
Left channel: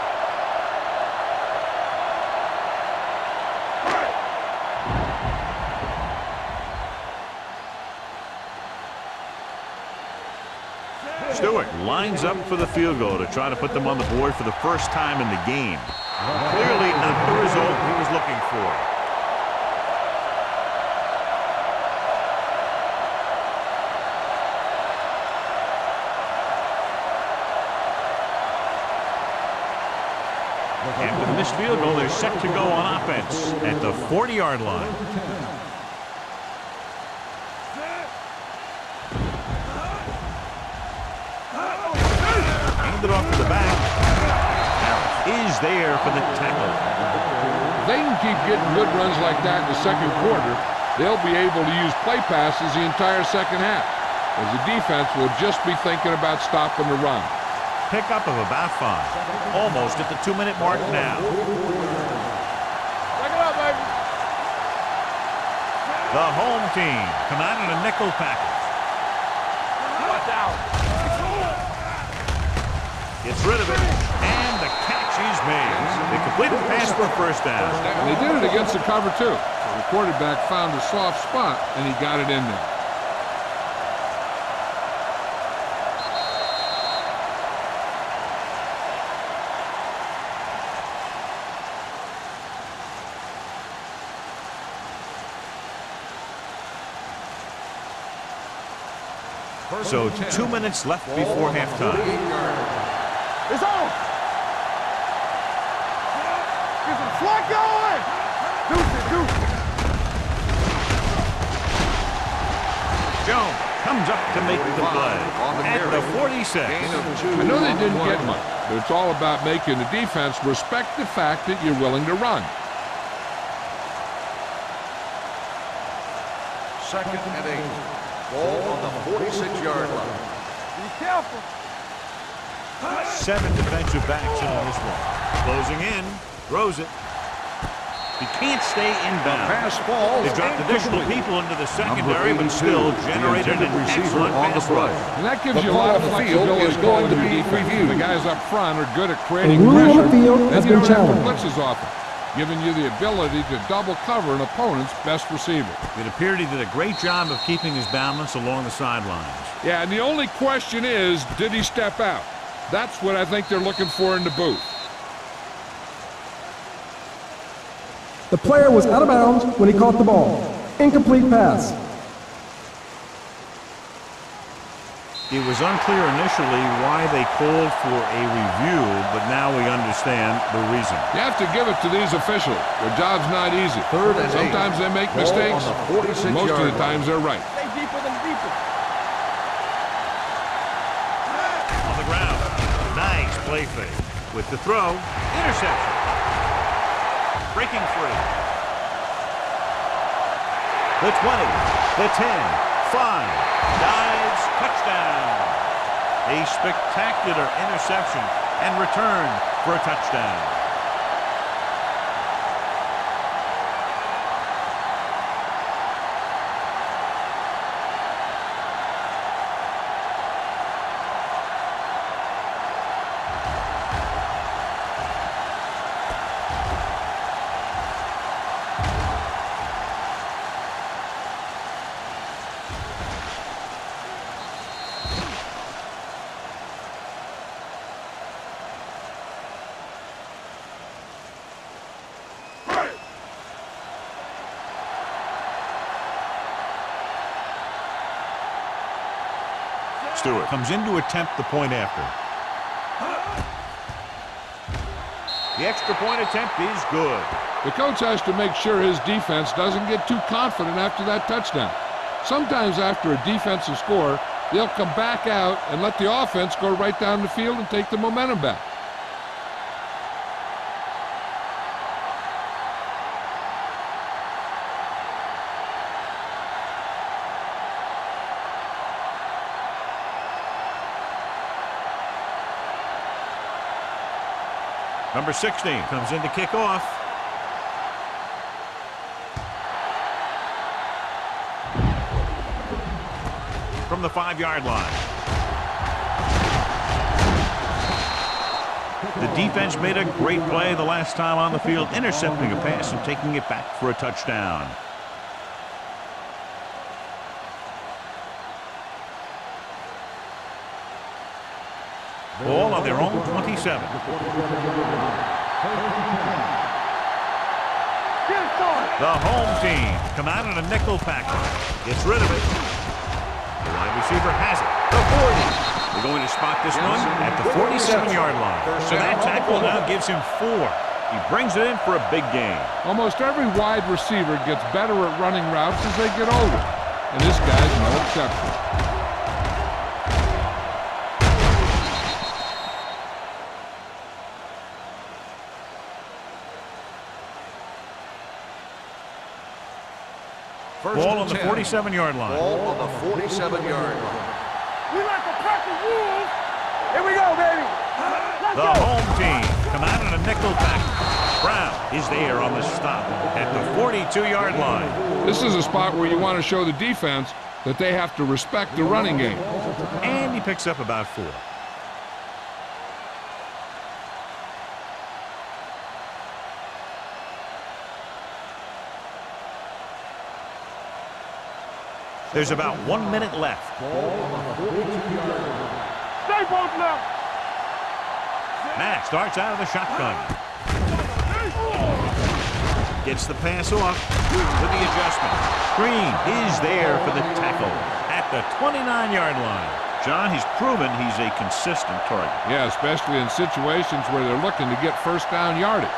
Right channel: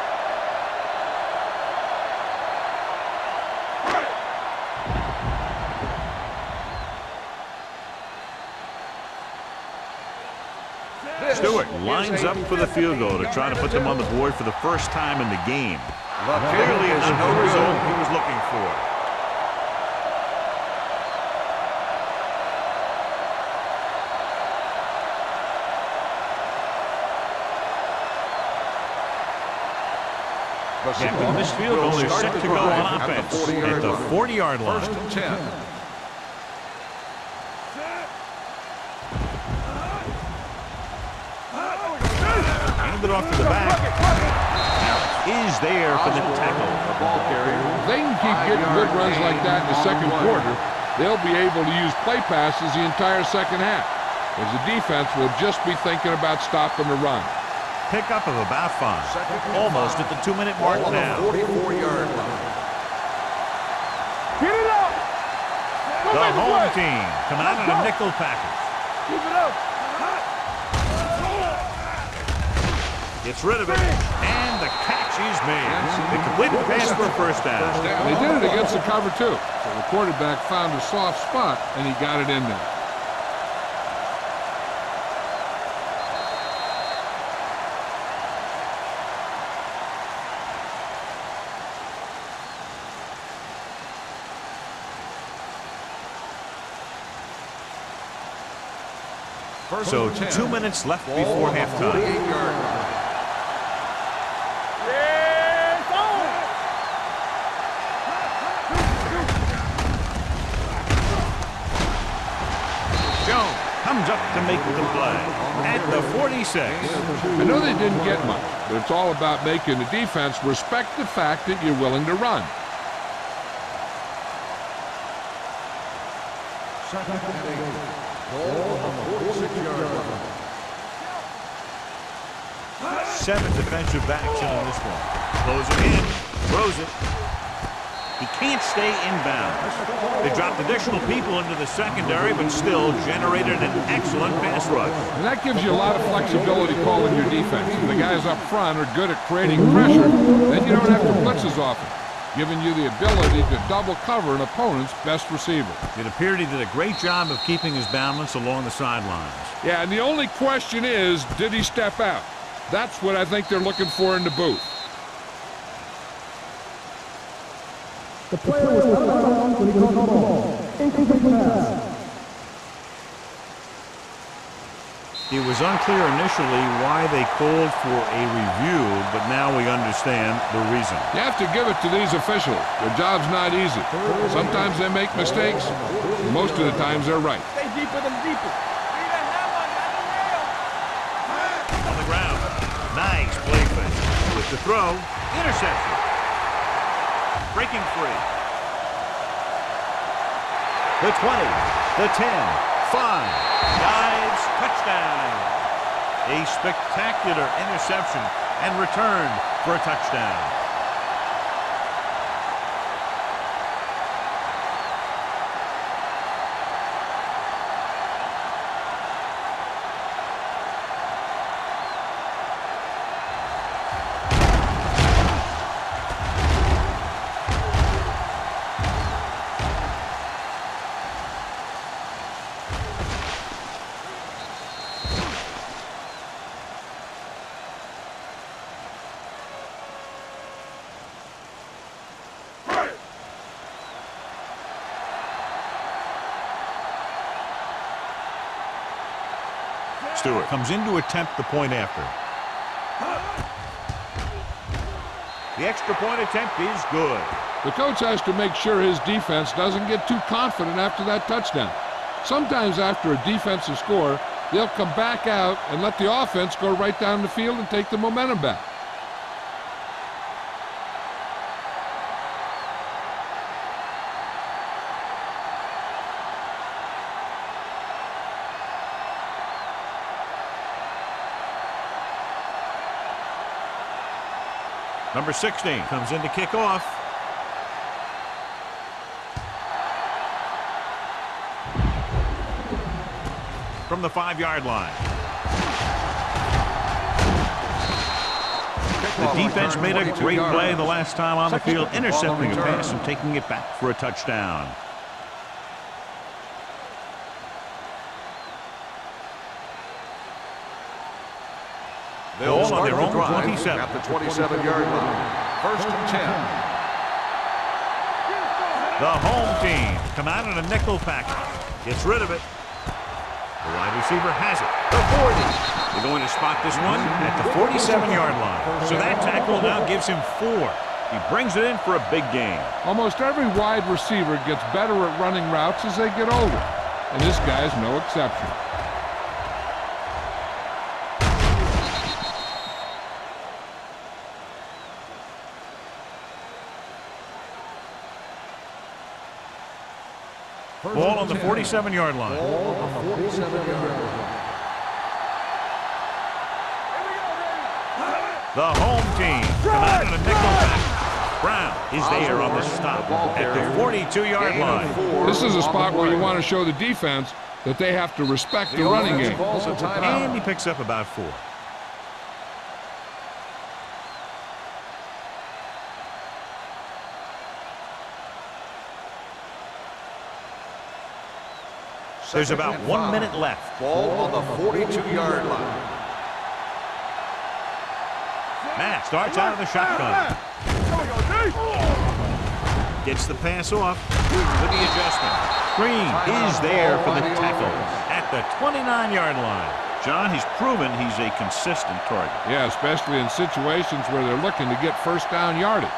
Stewart lines up for the field goal to try to put them on the board for the first time in the game. Clearly not the result he was looking for. After the missed field goal, they're set to go on offense at the 40-yard line. Hand it off to the back. Harris is there for the tackle. If they can keep getting good runs like that in the second quarter, they'll be able to use play passes the entire second half, as the defense will just be thinking about stopping the run. Pickup of about 5. Almost at the 2-minute mark now. 44-yard line. The home team come out in a nickel package. Gets rid of it, and the catch is made. They completed the pass for a first down. And they did it against the cover, too. So the quarterback found a soft spot, and he got it in there. So 2 minutes left before halftime. It's on. Yeah, it's on. Get some slack going. Jones comes up to make the play at the 46. I know they didn't get much, but it's all about making the defense respect the fact that you're willing to run. 2nd and 8. Ball on the 46-yard line. 7 defensive backs in on this one. Closing in, throws it. He can't stay inbound. They dropped additional people into the secondary, but still generated an excellent pass rush. And that gives you a lot of flexibility calling your defense. If the guys up front are good at creating pressure, then you don't have to blitz as often, giving you the ability to double cover an opponent's best receiver. It appeared he did a great job of keeping his balance along the sidelines. Yeah, and the only question is, did he step out? That's what I think they're looking for in the booth. The player was out of bounds when he caught the ball. Incomplete pass. It was unclear initially why they called for a review, but now we understand the reason. You have to give it to these officials. Their job's not easy. Sometimes they make mistakes. Most of the times they're right. Stay deeper than deepest. On the ground. Nice play fake. With the throw, interception. Breaking free. The 20, the 10, 5, dives, touchdown. A spectacular interception and return for a touchdown. Stewart comes in to attempt the point after. The extra point attempt is good. The coach has to make sure his defense doesn't get too confident after that touchdown. Sometimes after a defensive score, they'll come back out and let the offense go right down the field and take the momentum back. Number 16 comes in to kick off. From the 5-yard line. The defense made a great play the last time on the field, intercepting a pass and taking it back for a touchdown. Ball on their own 27. At the 27-yard line. 1st and 10. The home team come out in a nickel package. Gets rid of it. The wide receiver has it. The 40. They're going to spot this one at the 47-yard line. So that tackle now gives him 4. He brings it in for a big gain. Almost every wide receiver gets better at running routes as they get older, and this guy's no exception. Ball on the 47-yard line. Ball on the 47-yard line. We like to pack the rules. Here we go, baby. The home team come out in a nickel package. Brown is there on the stop at the 42-yard line. This is a spot where you want to show the defense that they have to respect the running game. And he picks up about 4. There's about 1 minute left. Ball on the 42-yard line. Stay both now. Mack starts out of the shotgun. Gets the pass off with the adjustment. Green is there for the tackle at the 29-yard line. John, he's proven he's a consistent target. Yeah, especially in situations where they're looking to get first down yardage.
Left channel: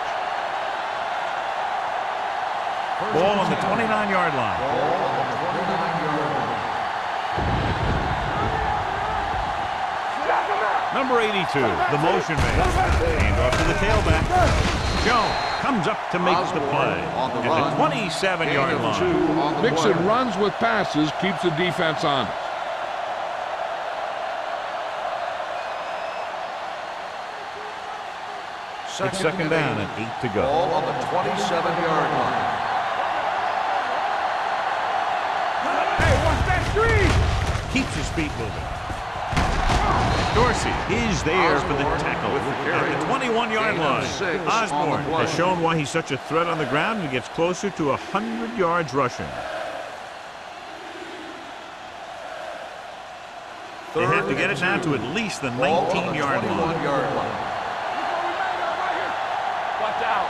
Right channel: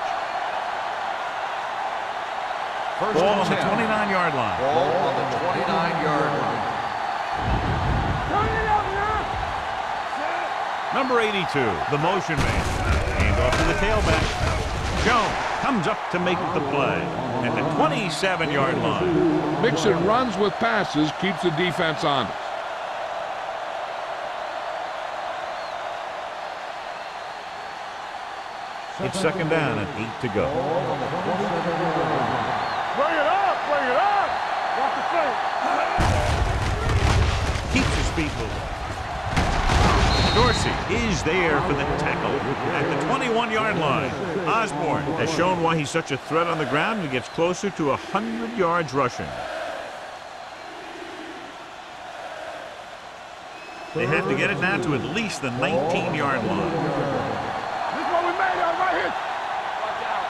Ball on the 29-yard line. Ball on the 29-yard line. Number 82, the motion man. Hand off to the tailback. Jones comes up to make the play at the 27-yard line. Mixing runs with passes keeps the defense honest. It's second down and 8 to go. Ball on the 27-yard line. Bring it up, bring it up. What's the play? Hey, watch that screen. Keeps his feet moving. Dorsey is there for the tackle at the 21-yard line. Osborne has shown why he's such a threat on the ground and gets closer to 100 yards rushing. They have to get it now to at least the 19-yard line. This is what we made of right here. Watch out.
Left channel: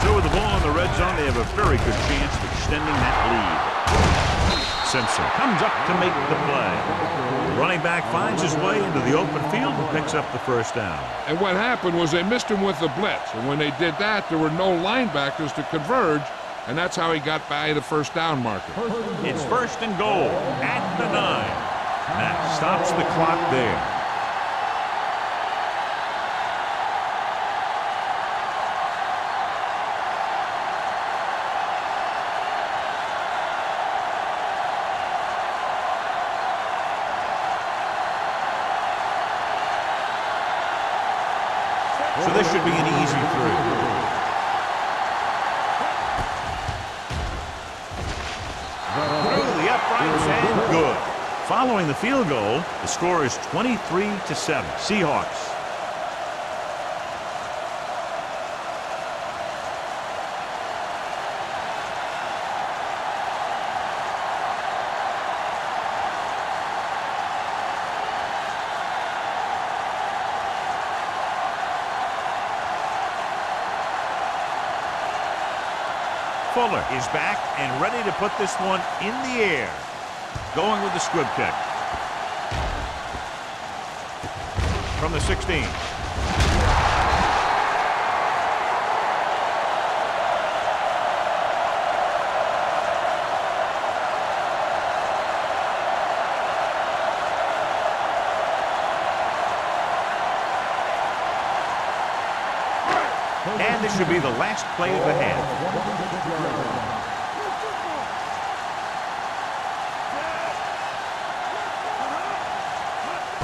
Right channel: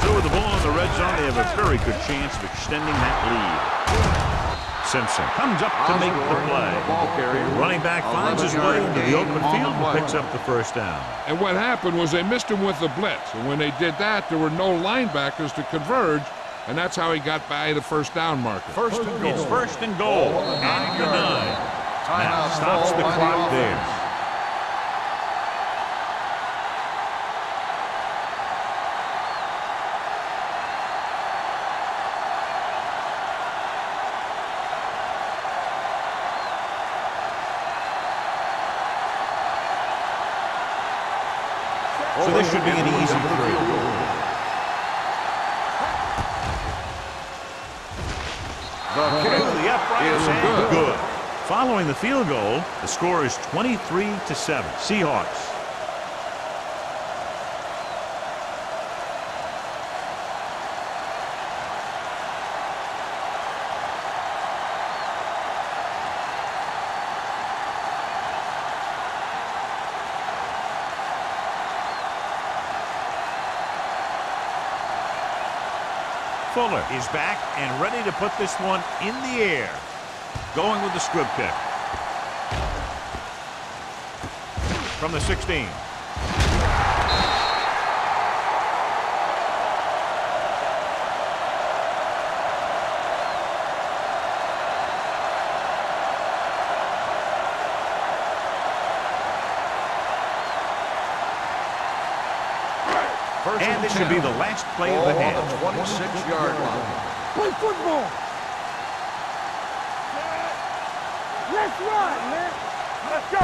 So with the ball in the red zone, they have a very good chance of extending that lead. Simpson comes up to make the play. The running back finds his way into the open field and picks up the first down. And what happened was they missed him with the blitz. And when they did that, there were no linebackers to converge, and that's how he got by the first down marker. It's first and goal at the 9. Now stops the clock there. So this should be an easy 3. Through the uprights and good. Following the field goal, the score is 23-7. Seahawks. Fuller is back and ready to put this one in the air. Going with the squib kick. From the 16. And this should be the last play of the half. 26-yard line. Play football. Let's run, man. Let's go.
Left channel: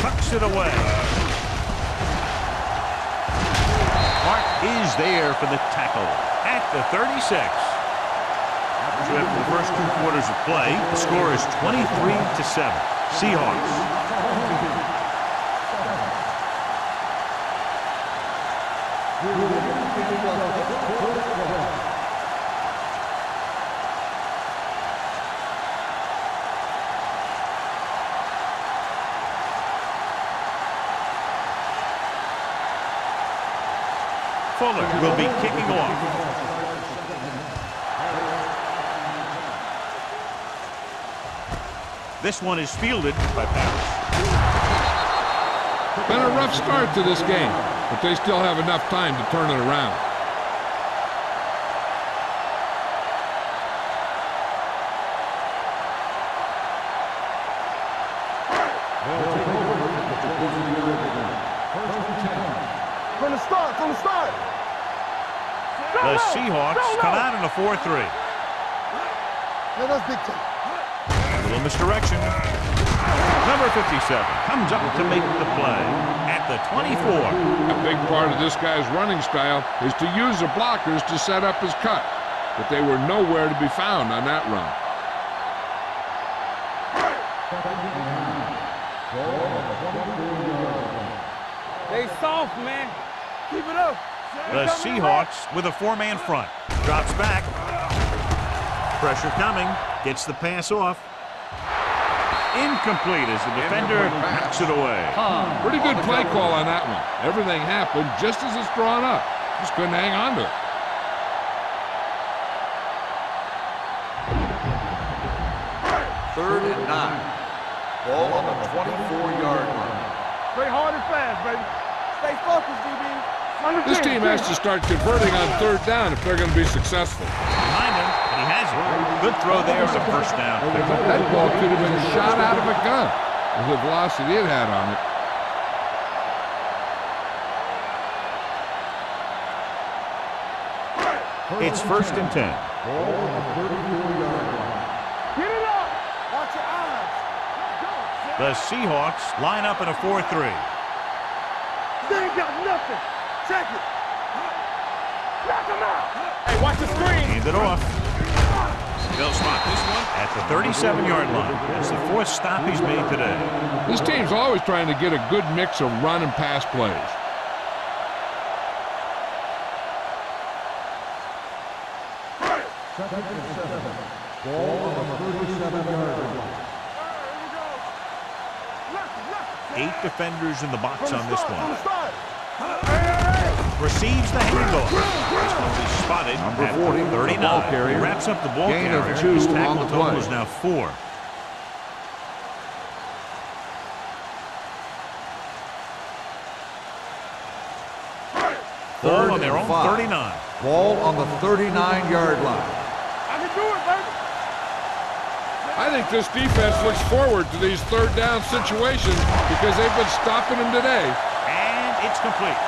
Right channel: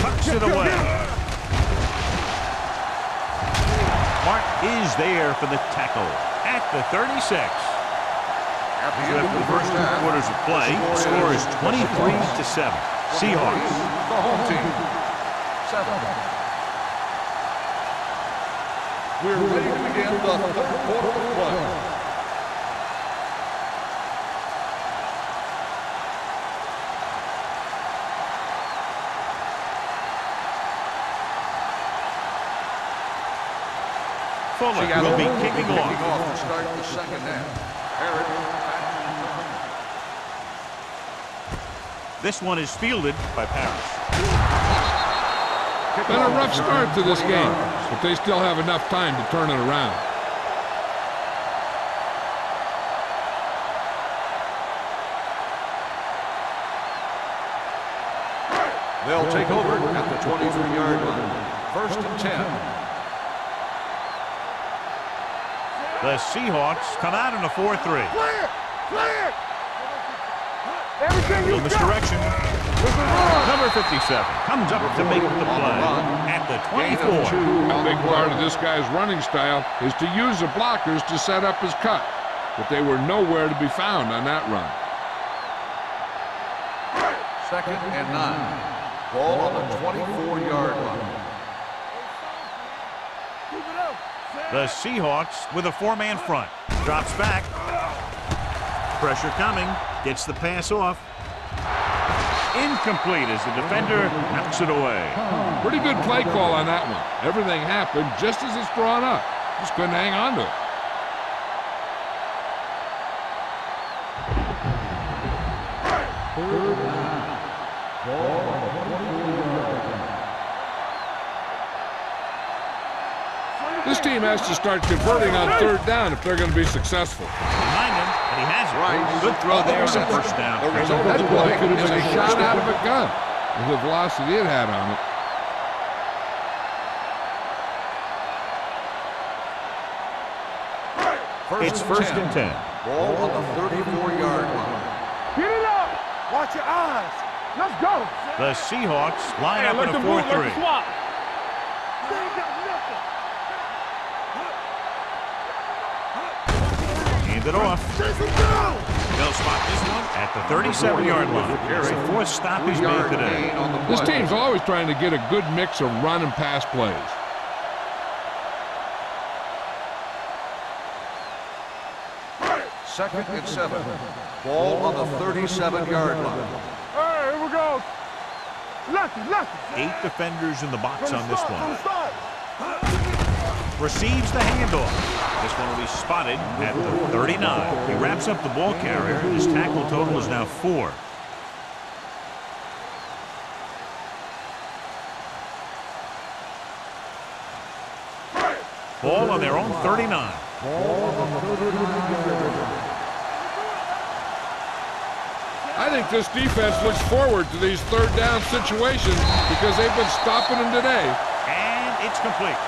Tucks it away. Mark is there for the tackle at the 36. So after the first 2 quarters of play, the score is 23-7. Seahawks. The home team. 7. We're ready to begin the third quarter of play. Fuller will be kicking off. To start the second half. Harris back to This one is fielded by Paris. Been a rough start to this game, but they still have enough time to turn it around. They'll take over at the 23-yard line. First and 10. From the start, from the start. The Seahawks come out in a 4-3. A little misdirection. Number 57 comes up to make the play at the 24. A big part of this guy's running style is to use the blockers to set up his cut, but they were nowhere to be found on that run. Second and 9. Ball on the 24-yard line. They soft, man. Keep it up. The Seahawks with a 4-man front. Drops back. Pressure coming. Gets the pass off. Incomplete as the defender knocks it away. Pretty good play call on that one. Everything happened just as it's drawn up. Just couldn't hang on to it. Third and 9. Ball on the 24-yard line. Play hard and fast, baby. Stay focused, DB. This team has to start converting on third down if they're going to be successful. Behind him, but he has it. Good throw there on a first down pick. That ball could have been shot out of a gun with the velocity it had on it. It's first and 10. Ball on the 34-yard line. Get it up. Watch your eyes. Let's go. The Seahawks line up in a 4-3. They ain't got nothing. Check it. Hand it off. They'll spot this one at the 37-yard line. It's the fourth stop he's made today. This team's always trying to get a good mix of run and pass plays. Second and 7. Ball on the 37-yard line. Hey, here we go. Lucky. 8 defenders in the box on this one. Receives the handoff. This one will be spotted at the 39. He wraps up the ball carrier. His tackle total is now 4. Ball on their own 39. Ball on the 39-yard line. I think this defense looks forward to these third down situations because they've been stopping them today. And it's complete.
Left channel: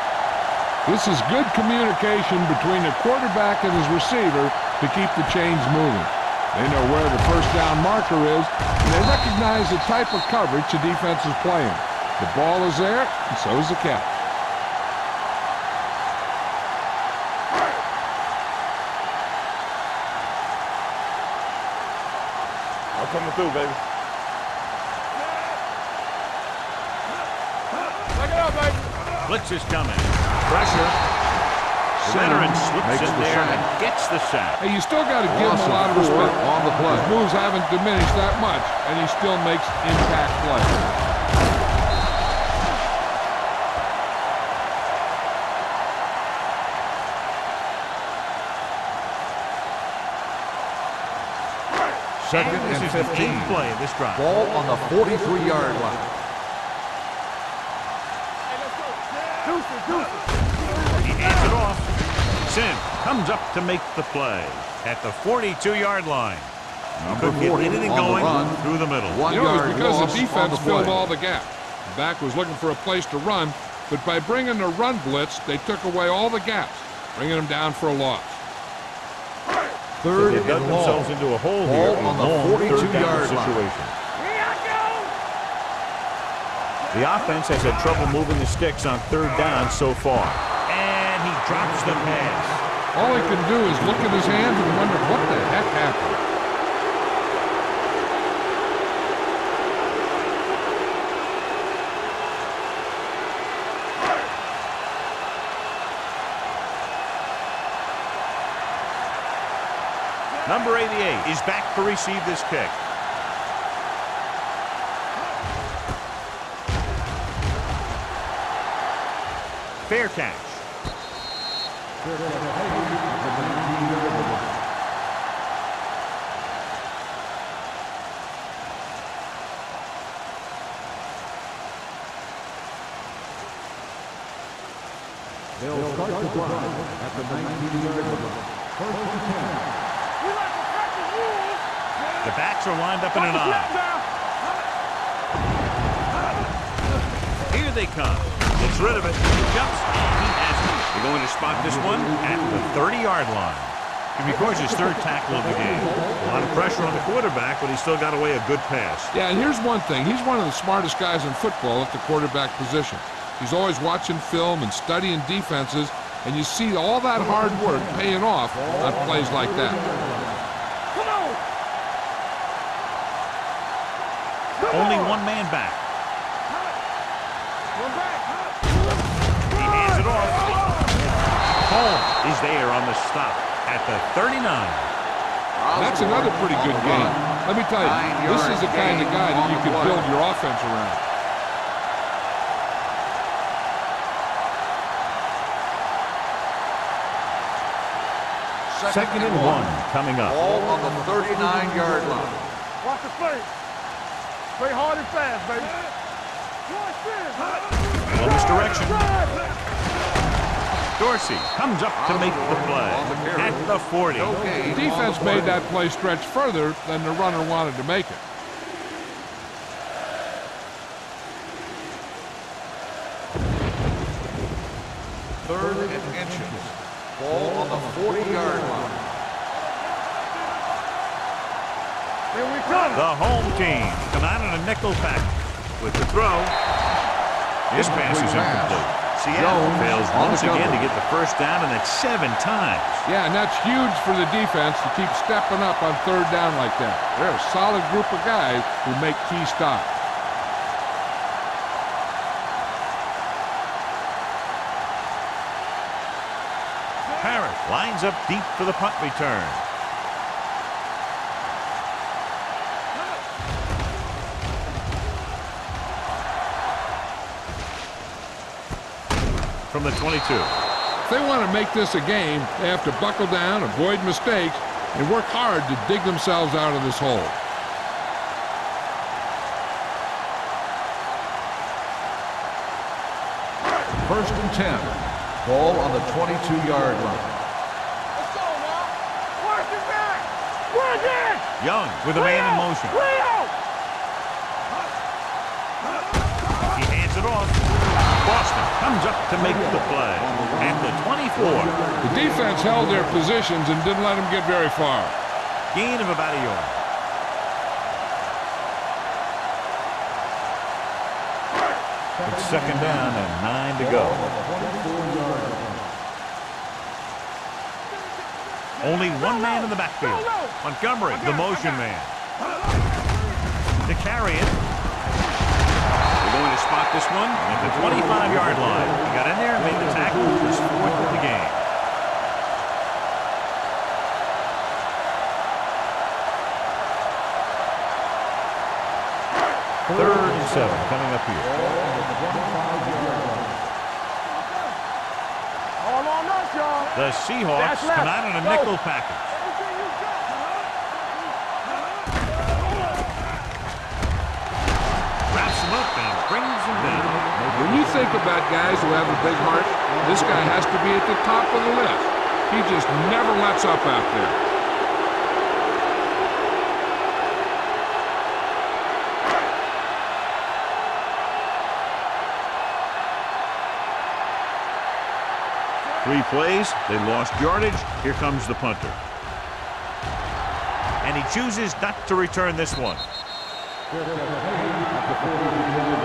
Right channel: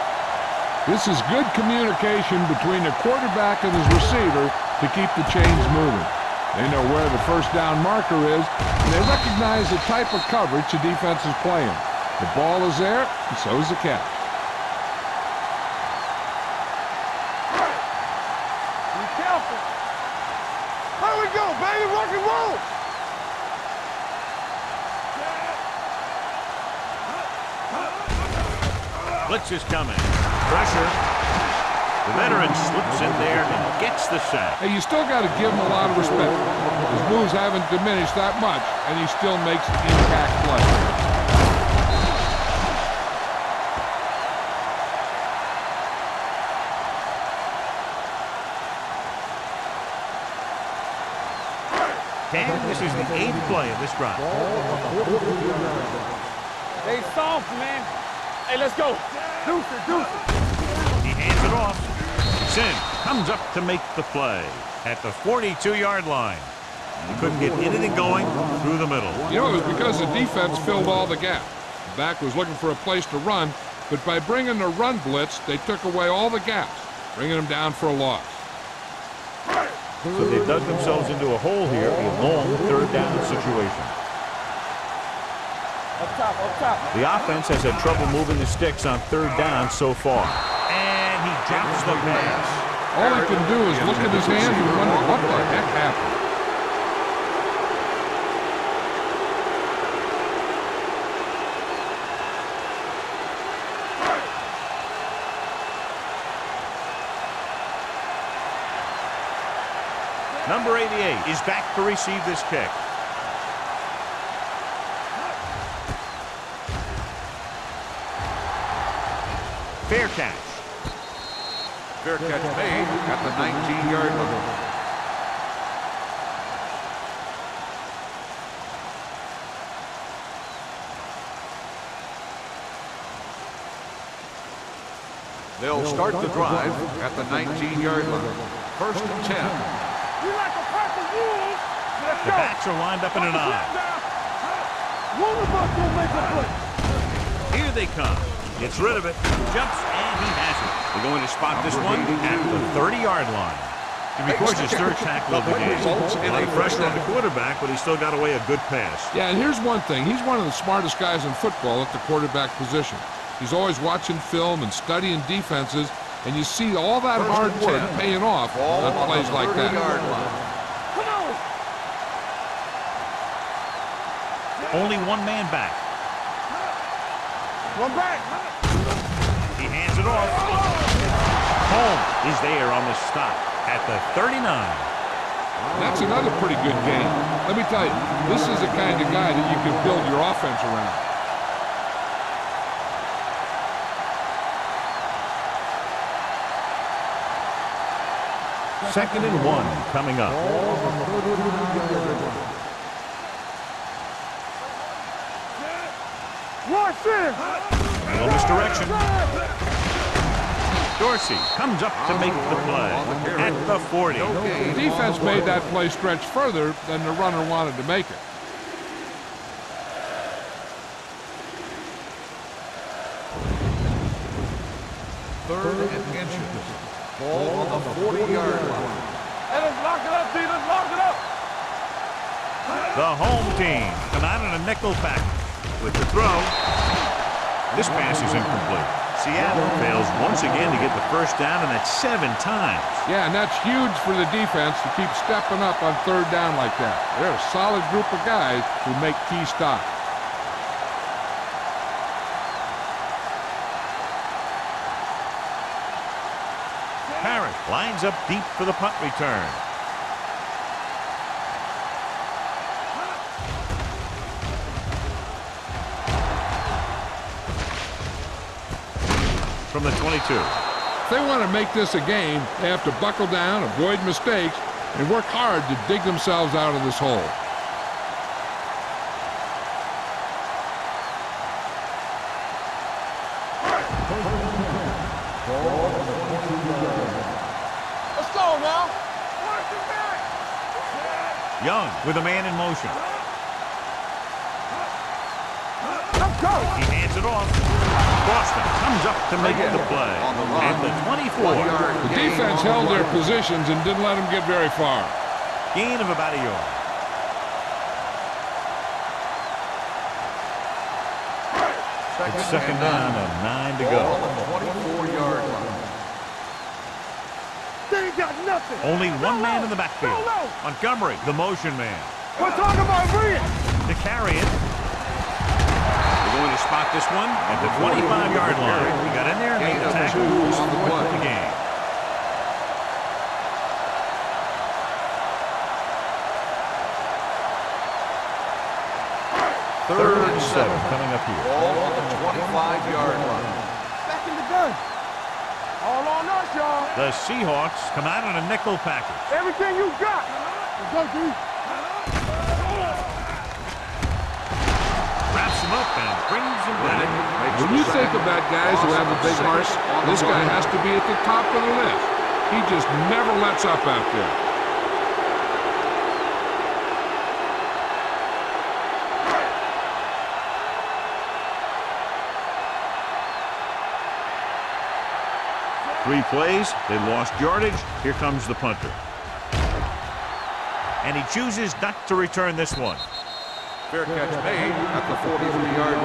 This is good communication between the quarterback and his receiver to keep the chains moving. They know where the first down marker is, and they recognize the type of coverage the defense is playing. The ball is there, and so is the catch. Coming through, baby. Blitz is coming. Pressure. The veteran slips in there and gets the sack. Hey, you still got to give him a lot of respect. His moves haven't diminished that much, and he still makes impact plays. And this is the 8th play of this drive. Ball on the 43-yard line. Stay soft, man. Hey, let's go. Deuce it. He hands it off. Sim comes up to make the play at the 42-yard line. He couldn't get anything going through the middle. You know, it was because the defense filled all the gaps. The back was looking for a place to run, but by bringing the run blitz, they took away all the gaps, bringing them down for a loss. So they've dug themselves into a hole here, a long third down situation. The offense has had trouble moving the sticks on third down so far. And he drops the pass. All he can do is look at his hands and wonder what the heck happened. Number 88 is back to receive this kick. Fair catch. Fair catch made at the 19-yard line. They'll start the drive at the 19-yard line. First and 10. We like to practice rules. The backs are lined up in an eye. Here they come. Gets rid of it. Jumps, and he has it. They're going to spot this one at the 30-yard line. He records his third tackle of the game. A lot of pressure on the quarterback, but he still got away a good pass. Yeah, and here's one thing. He's one of the smartest guys in football at the quarterback position. He's always watching film and studying defenses, and you see all that hard work paying off on plays like that. Come on. Only one man back. One back. He hands it off. Holmes is there on the stop at the 39. And that's another pretty good game. Let me tell you, this is the kind of guy that you can build your offense around. Second and 1 coming up. Ball on the 39-yard line. Watch the play. Play hard and fast, baby. Rush in. Little misdirection. Dorsey comes up to make the play at the 40. The defense made that play stretch further than the runner wanted to make it. Third and inches. Ball on the 40-yard line. Hey, let's lock it up, D. Let's lock it up. Here we come. The home team come out in a nickel package with the throw. This pass is incomplete. Seattle fails once again to get the first down, and that's 7 times. Yeah, and that's huge for the defense to keep stepping up on third down like that. They're a solid group of guys who make key stops. Parrish lines up deep for the punt return. From the 22. If they want to make this a game, they have to buckle down, avoid mistakes, and work hard to dig themselves out of this hole. First and 10. Ball on the 22-yard line. Let's go now. Watch it back. Work it. Young with a man in motion. He hands it off. Boston comes up to make the play at the 24. The defense held their positions and didn't let them get very far. Gain of about a yard. It's second down and 9 to go. They ain't got nothing. Only one man in the backfield. Montgomery, the motion man. To carry it. They're going to spot this one at the 25-yard line. He got in there and made the tackle. He's 4th of the game. Third and 7 coming up here. Back in the gun. All on us, y'all. The Seahawks come out in a nickel package. Everything you got. Wraps him up and brings him down. When you think about guys who have a big heart, this guy has to be at the top of the list. He just never lets up out there. Three plays, they lost yardage. Here comes the punter. And he chooses not to return this one. Fair catch made at the 43-yard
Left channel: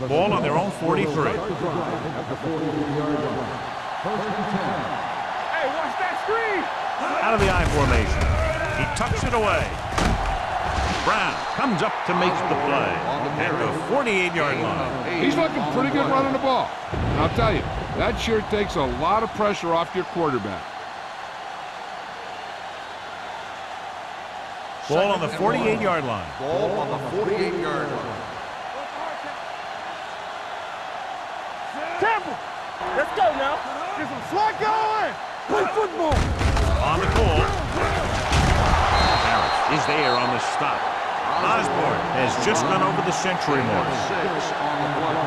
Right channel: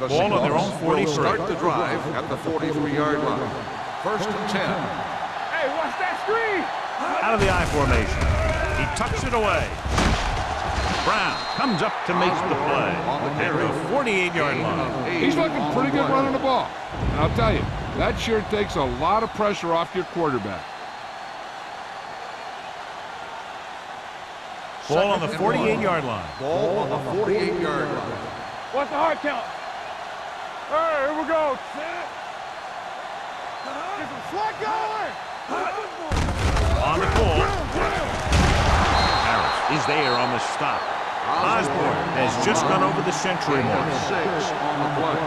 line. Ball on their own 43. Start the drive at the 43-yard line. First and 10. Hey, watch that screen. Out of the I formation. He tucks it away. Brown comes up to make the play at the 48-yard line. He's looking pretty good running the ball. And I'll tell you, that sure takes a lot of pressure off your quarterback. Ball on the 48-yard line. Ball on the 48-yard line. What's the hard count? Hey, here we go. Temple. Let's go now. Get some slot going. Play football. On the call. Harris is there on the stop. Osborne has just gone over the century mark. 6 on the play.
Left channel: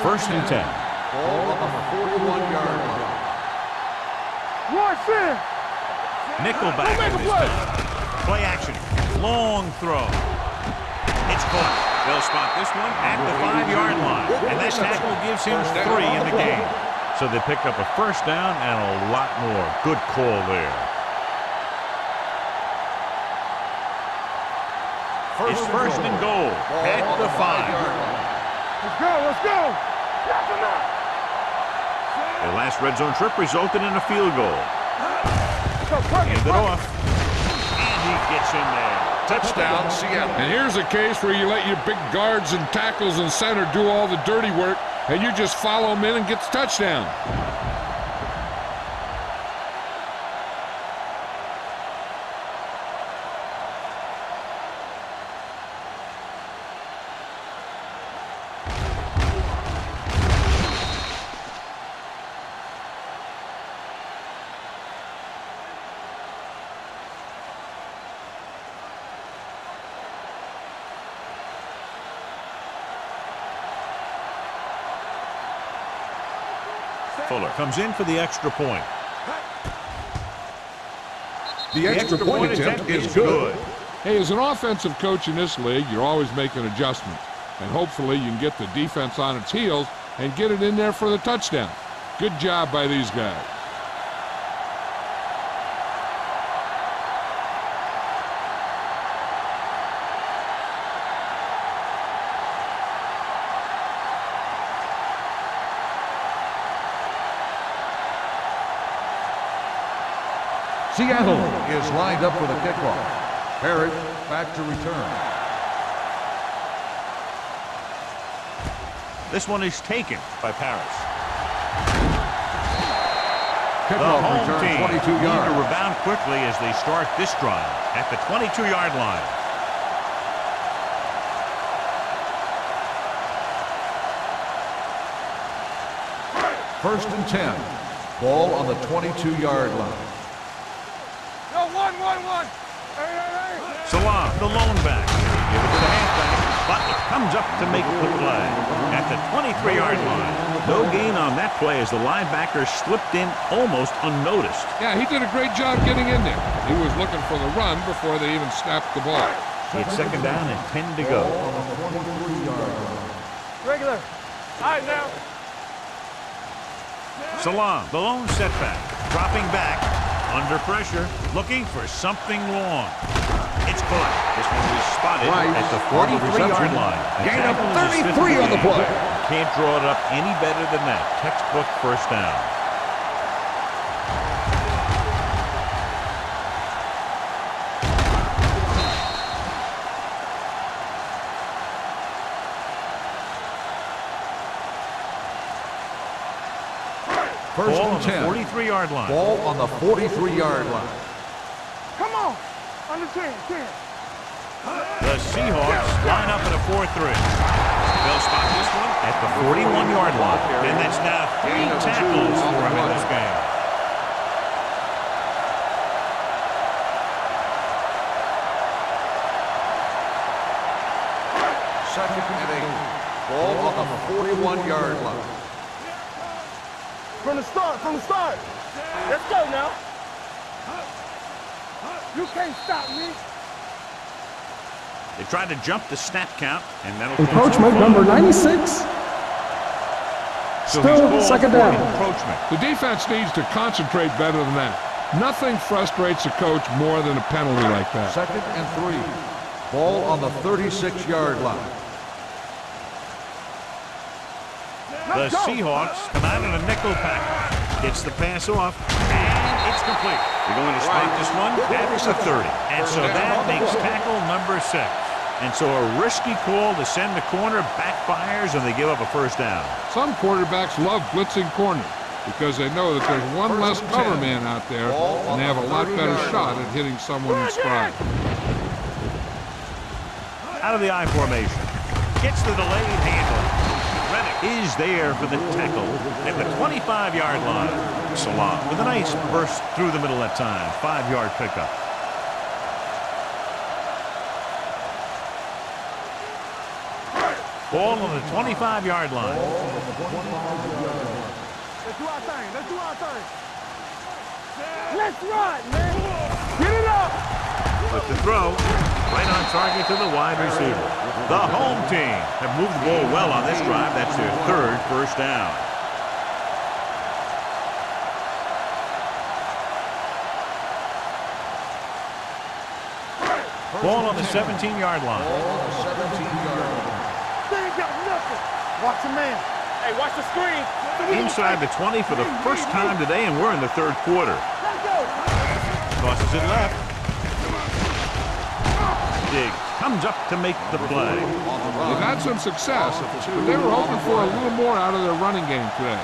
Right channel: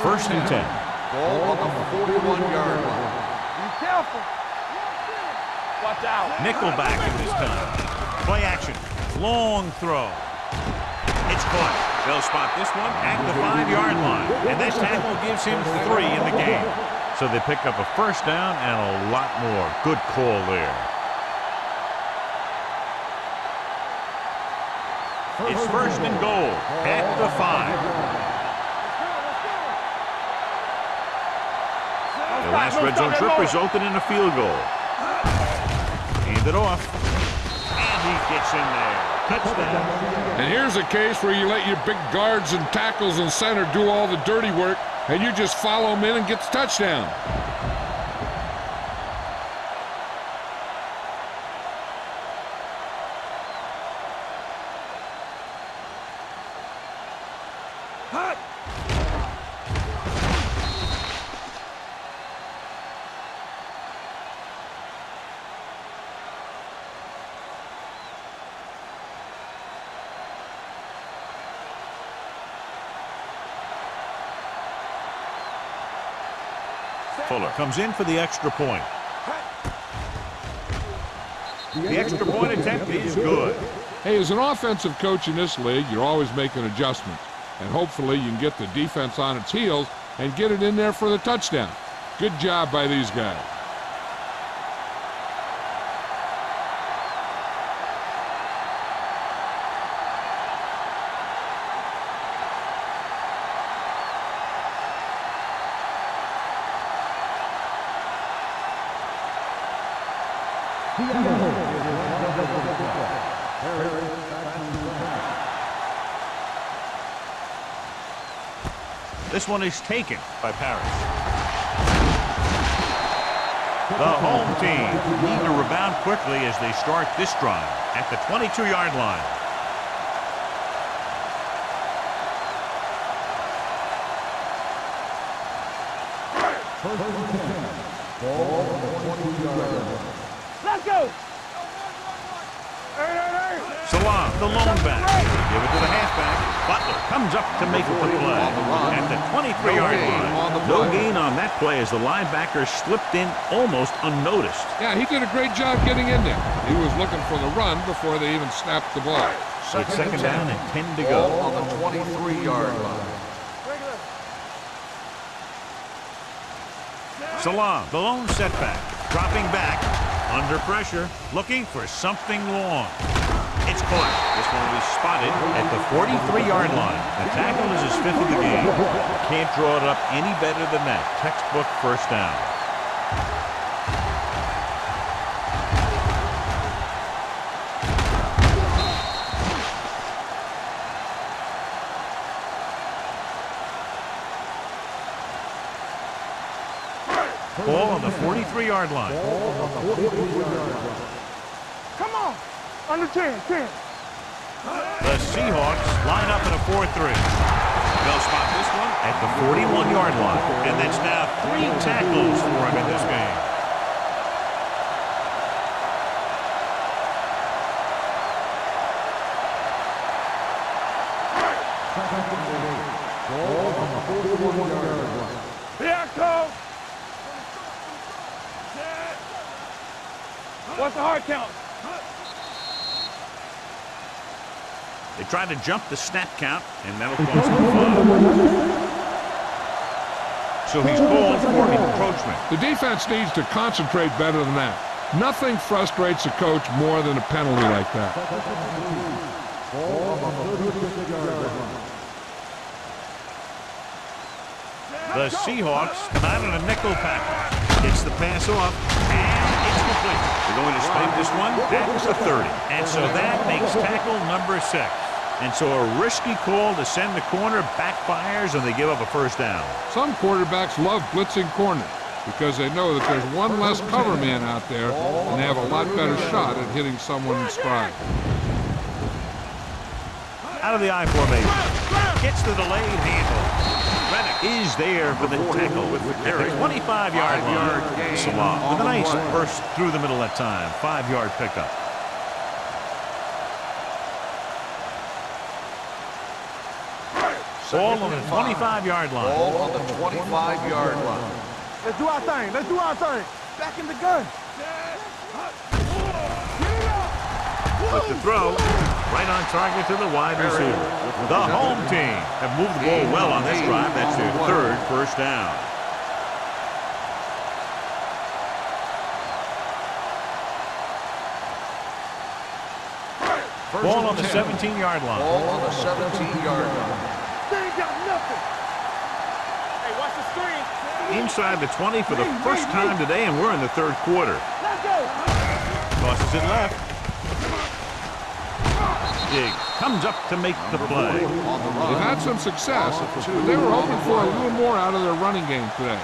First and 10. Ball on the 41-yard line. Be careful. Rush in. Nickelback at this time. Play action. Long throw. It's caught. They'll spot this one at the 5-yard line. And that tackle gives him 3 in the game. So they pick up a first down and a lot more. Good call there. It's first and goal at the 5. Let's go. Let's go. The last red zone trip resulted in a field goal. Hand it off. And he gets in there. Touchdown, Seattle. And here's a case where you let your big guards and tackles and center do all the dirty work, and you just follow them in and get the touchdown. Fuller comes in for the extra point. The extra point attempt is good. Hey, as an offensive coach in this league, you're always making adjustments. And hopefully you can get the defense on its heels and get it in there for the touchdown. Good job by these guys. Seattle is lined up for the kickoff. Herod back to return. This one is taken by Paris. The home team need to rebound quickly as they start this drive at the 22-yard line. First and 10. Ball on the 22-yard line. Let's go. No, one. Hey. Salam, the lone back. Give it to the halfback. Butler comes up to make the play at the 23-yard line. No gain on that play as the linebacker slipped in almost unnoticed. Yeah, he did a great job getting in there. He was looking for the run before they even snapped the ball. It's second down and 10 to go. On the 23-yard line. Regular. All right, now. Salam, the lone setback. Dropping back, under pressure, looking for something long. It's caught. This one was spotted at the 43-yard line. The tackle is his fifth of the game. Can't draw it up any better than that. Textbook first down. Ball on the 43-yard line. Ball on the 43-yard line. Come on. Under 10. The Seahawks line up in a 4-3. They'll spot this one at the 41-yard line. And that's now 3 tackles for him in this game. Second and 8. Ball on the 41-yard line. Here I come. From the start. Let's go now. What's the hard count? You can't stop me. They try to jump the snap count, and that'll cause Encroachment number 96. So he's called second for down. encroachment. The defense needs to concentrate better than that. Nothing frustrates a coach more than a penalty like that. Second and 3. Ball on the 36-yard line. The Seahawks come out in a nickel package. Gets the pass off, and it's complete. They're going to spot this one at the 30. And so that makes tackle number 6. And so a risky call to send the corner backfires, and they give up a first down. Some quarterbacks love blitzing corners because they know that there's one less cover man out there, and they have a lot better shot at hitting someone in stride. Out of the I formation. Gets the delayed handle. Reddick is there for the tackle at the 25-yard line. Salam with a nice burst through the middle that time. 5-yard pickup. Ball on the 25-yard line. Ball on the 25-yard line. Let's do our thing. Back in the gun. Let's run, man. Get it up. With the throw, right on target to the wide receiver. The home team have moved the ball well on this drive. That's their 3rd first down. Ball on the 17-yard line. Ball on the 17-yard line. They ain't got nothing. Watch the man. Hey, watch the screen. Inside the 20 for the first time today, and we're in the third quarter. Let's go. Tosses it left. Diggs comes up to make the play. On the run. They've had some success, but they were hoping for a little more out of their running game today.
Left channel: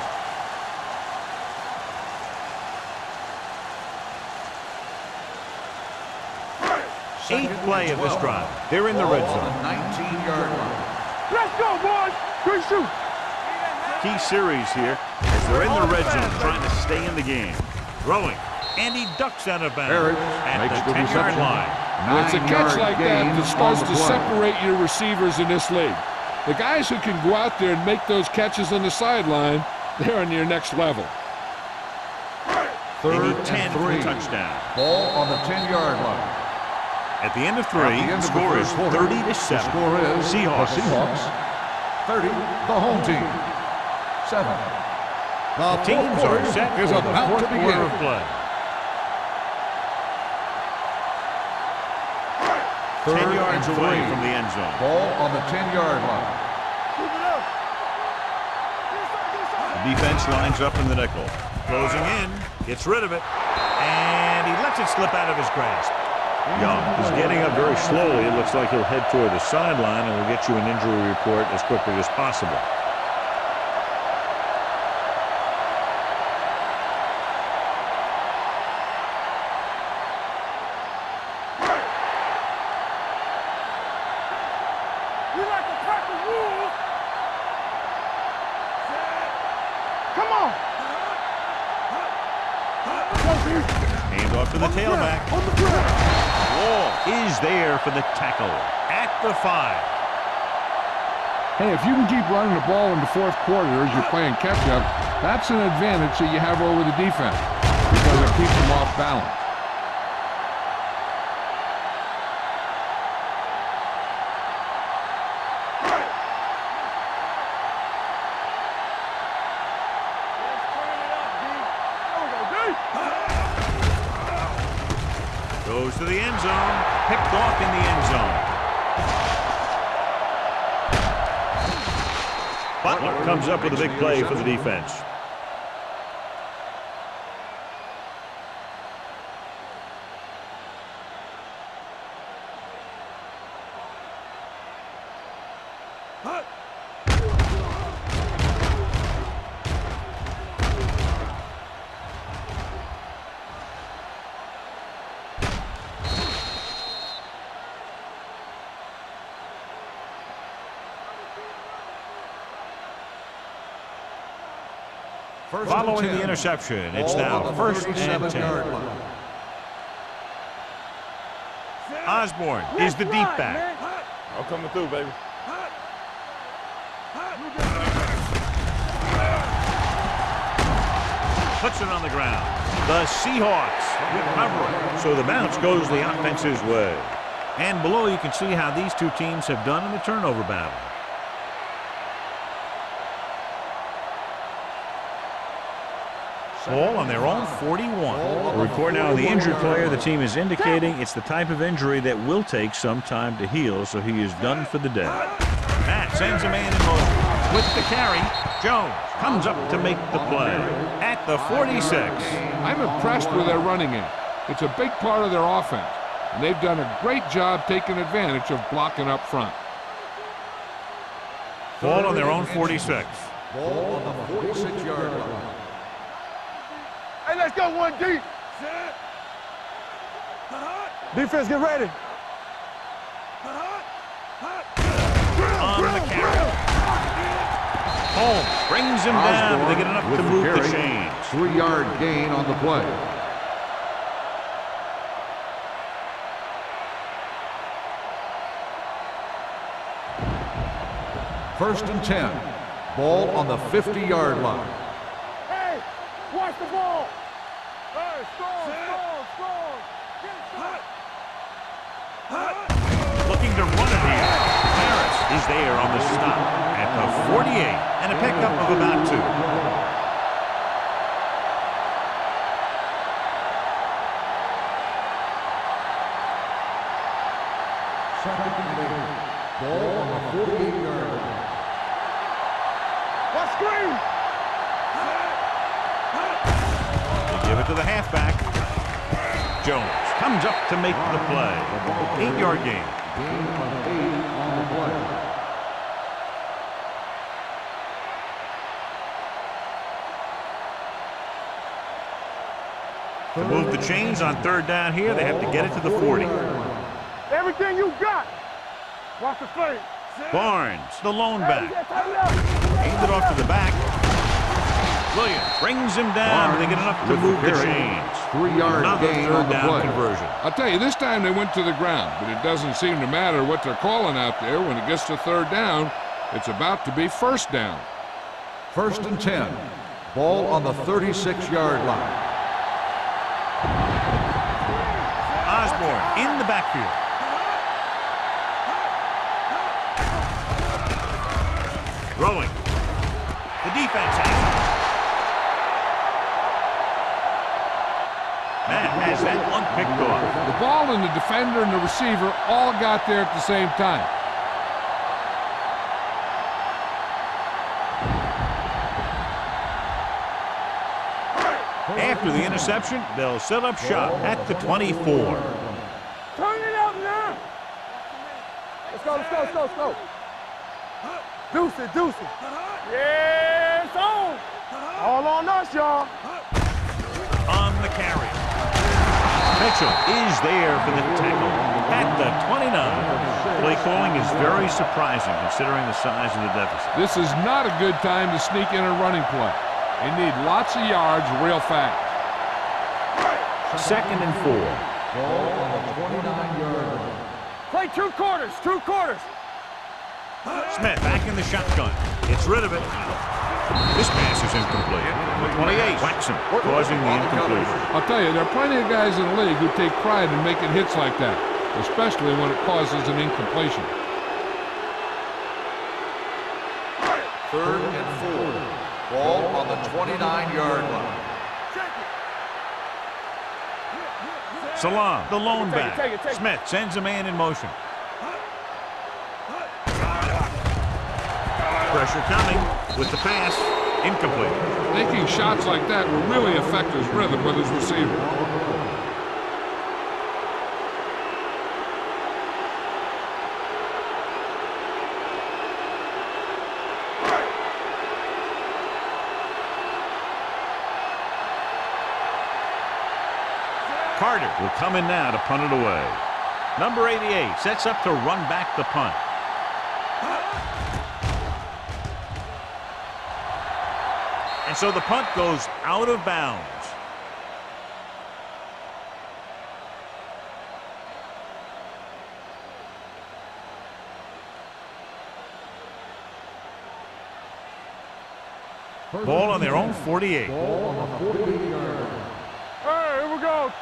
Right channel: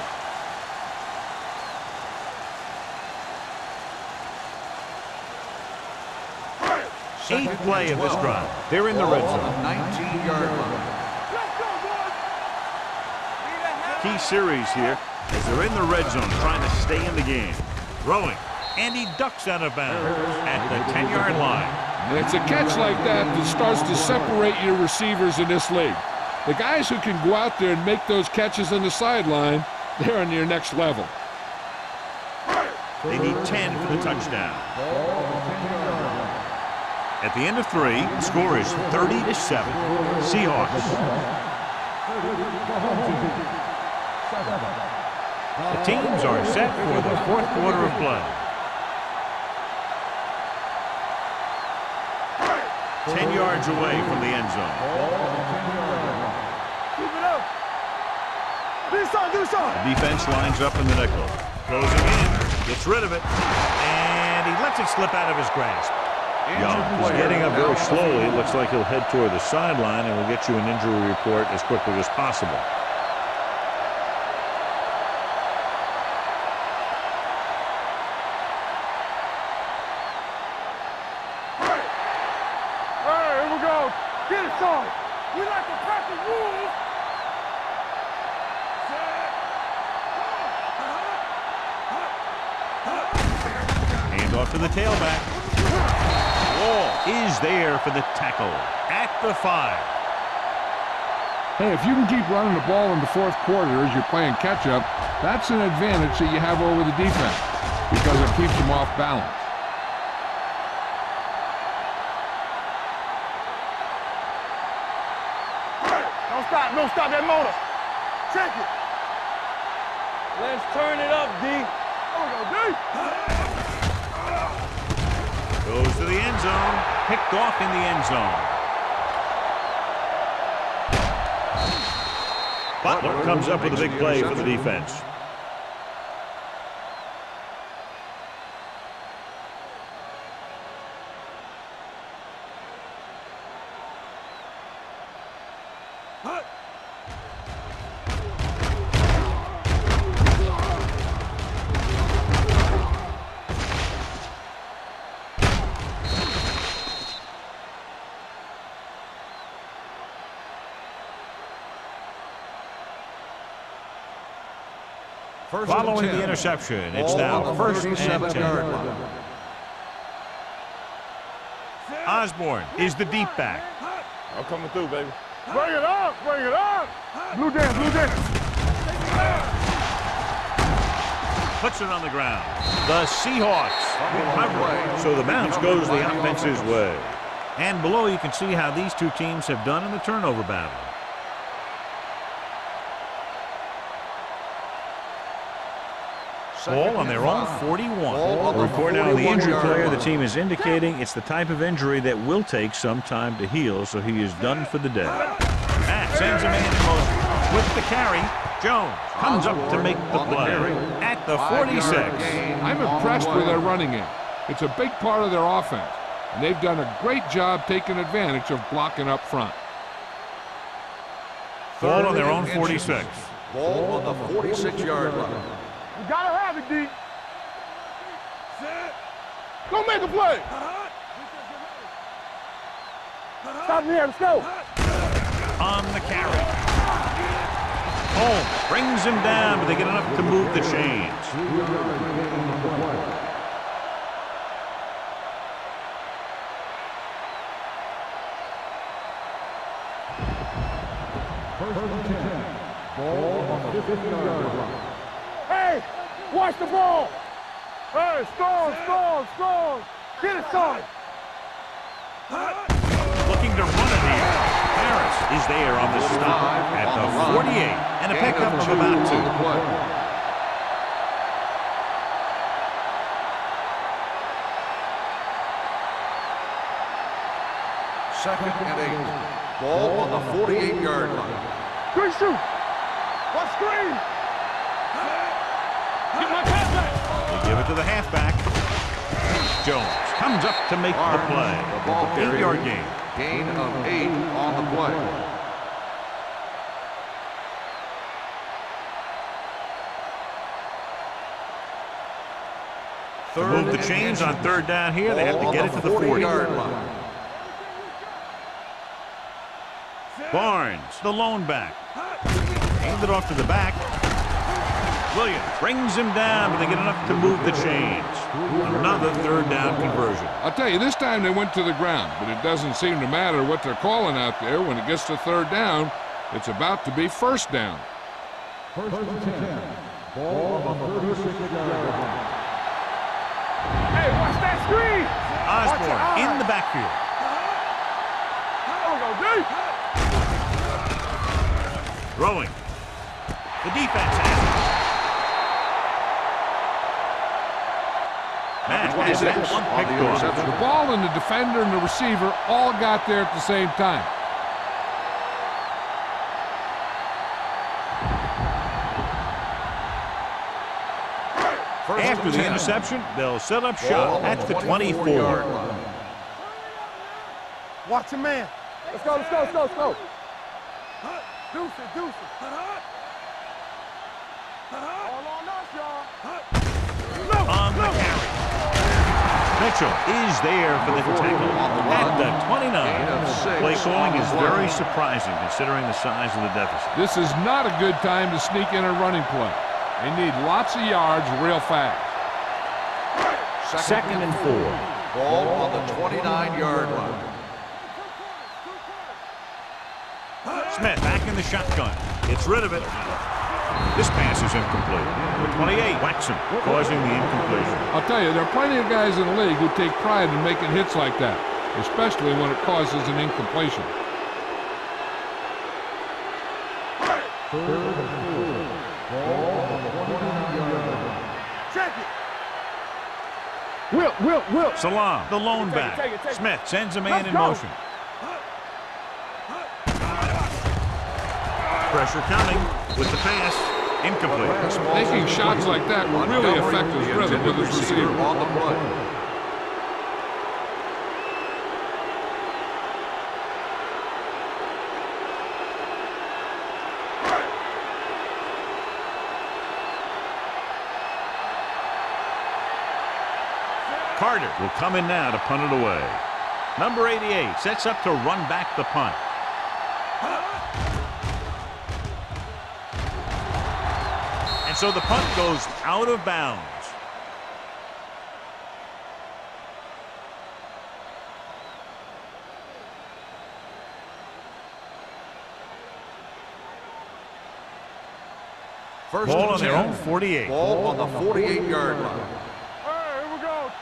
Eighth play of this drive. They're in the red On zone. the 19-yard line. Let's go, boys. Good shoot. Key series here as they're in the red zone trying to stay in the game. Throwing, and he ducks out of bounds at the 10-yard line. And it's a catch like that that starts to separate your receivers in this league. The guys who can go out there and make those catches on the sideline, they're on your next level. They need 10 for the touchdown. Ball on the 10-yard line. At the end of 3, the score is 30-7. Seahawks. 30, the home team. 7. The teams are set for the fourth quarter of play. 10 yards away from the end zone. Ball on the 10-yard line. Keep it up. Do something. The defense lines up in the nickel. Closing in, gets rid of it, and he lets it slip out of his grasp. Young is getting up very slowly. It looks like he'll head toward the sideline, and we'll get you an injury report as quickly as possible. Hey, here we go. Get it some. We like to practice rules. Set. Come on. Hand off to the tailback. Wall is there for the tackle at the 5. Hey, if you can keep running the ball in the fourth quarter as you're playing catch-up, that's an advantage that you have over the defense because it keeps them off balance. Don't stop that motor. Check it. Let's turn it up, D. There we go, D. Goes to the end zone. Picked off in the end zone. Butler comes up with a big play for the defense. Following the interception, it's now first and 10. Osborne is the deep back. I'm coming through, baby. Bring it up. Bring it up. Blue Jays. Puts it on the ground. The Seahawks recover. So the bounce goes the offense's way. And below you can see how these two teams have done in the turnover battle. Ball on their own 41. A report now on the injured player. The team is indicating it's the type of injury that will take some time to heal, so he is done for the day. That sends a man in motion. With the carry, Jones comes up to make the play at the 46. I'm impressed with their running game. It's a big part of their offense, and they've done a great job taking advantage of blocking up front. Ball on their own 46. Ball on the 46-yard line. You gotta have it, D. Hey, let's go one deep. Set. Go make a play. Defense, get ready. Stop me here. Let's go. On the carry. Holmes brings him down, but they get enough to move the chains. 3-yard gain on the play. First and 10. Ball on the 50-yard line. Hey, watch the ball. Hey, strong. Get it, son. Looking to run it here. Harris is there on the stop at the 48 and a pickup of about 2. Second and 8. Ball on the 48-yard line. Good shoot. What screen? They give it to the halfback. Jones comes up to make the play. 8-yard gain. Gain of 8 on the play. To move the chains on third down here, they have to get it to the 40. Everything you got. Watch the face. Barnes, the lone back. Aimed it off to the back. Williams brings him down, but they get enough to move the chains. Another third down conversion. I'll tell you, this time they went to the ground, but it doesn't seem to matter what they're calling out there. When it gets to third down, it's about to be first down. 1st and 10. Ball on the 36-yard line. Osborne in the backfield. Throwing. The defense has it. Matt has that one picked off. The ball and the defender and the receiver all got there at the same time. After the interception, they'll set up shop at the 24. Turn it up now. Watch your man. Let's go, let's go, let's go, let's go. Deuce it, deuce it. Yeah, it's on. All on us, y'all. On the carry. Mitchell is there for the tackle at the 29. Play calling is very surprising considering the size of the deficit. This is not a good time to sneak in a running play. They need lots of yards real fast. 2nd and 4. Ball on the 29-yard line. Play 2 quarters, 2 quarters. Smith back in the shotgun. Gets rid of it. This pass is incomplete. Number 28 whacks him, causing the incompletion. I'll tell you, there are plenty of guys in the league who take pride in making hits like that, especially when it causes an incompletion. 3rd and 4. Ball on the 29-yard line. Check it. Will. Salam, the lone Take it, back. take it. Smith sends a man in motion. Pressure coming with the pass. Incomplete. Taking shots like that will really affect his rhythm with his receiver. On the play. Carter will come in now to punt it away. Number 88 sets up to run back the punt. And so the punt goes out of bounds. Ball on their own 48. Ball on the 48-yard line. Hey, here we go.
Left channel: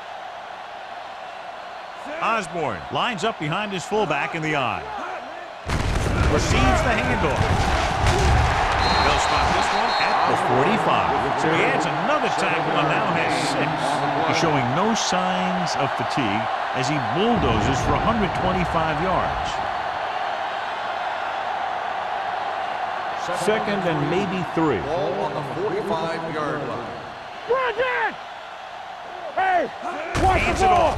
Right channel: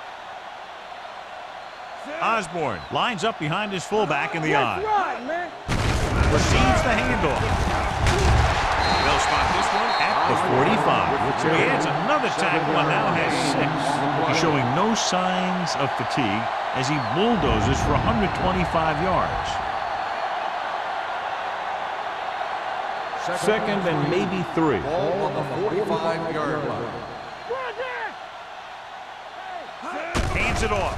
Osborne lines up behind his fullback in the eye. Right, man. Receives the handoff. They'll spot this one at the 45. So he adds another tackle and now has 6. He's showing no signs of fatigue as he bulldozes for 125 yards. 2nd and maybe 3. Ball on the 45-yard line. Bridget! Hey! Hands it off.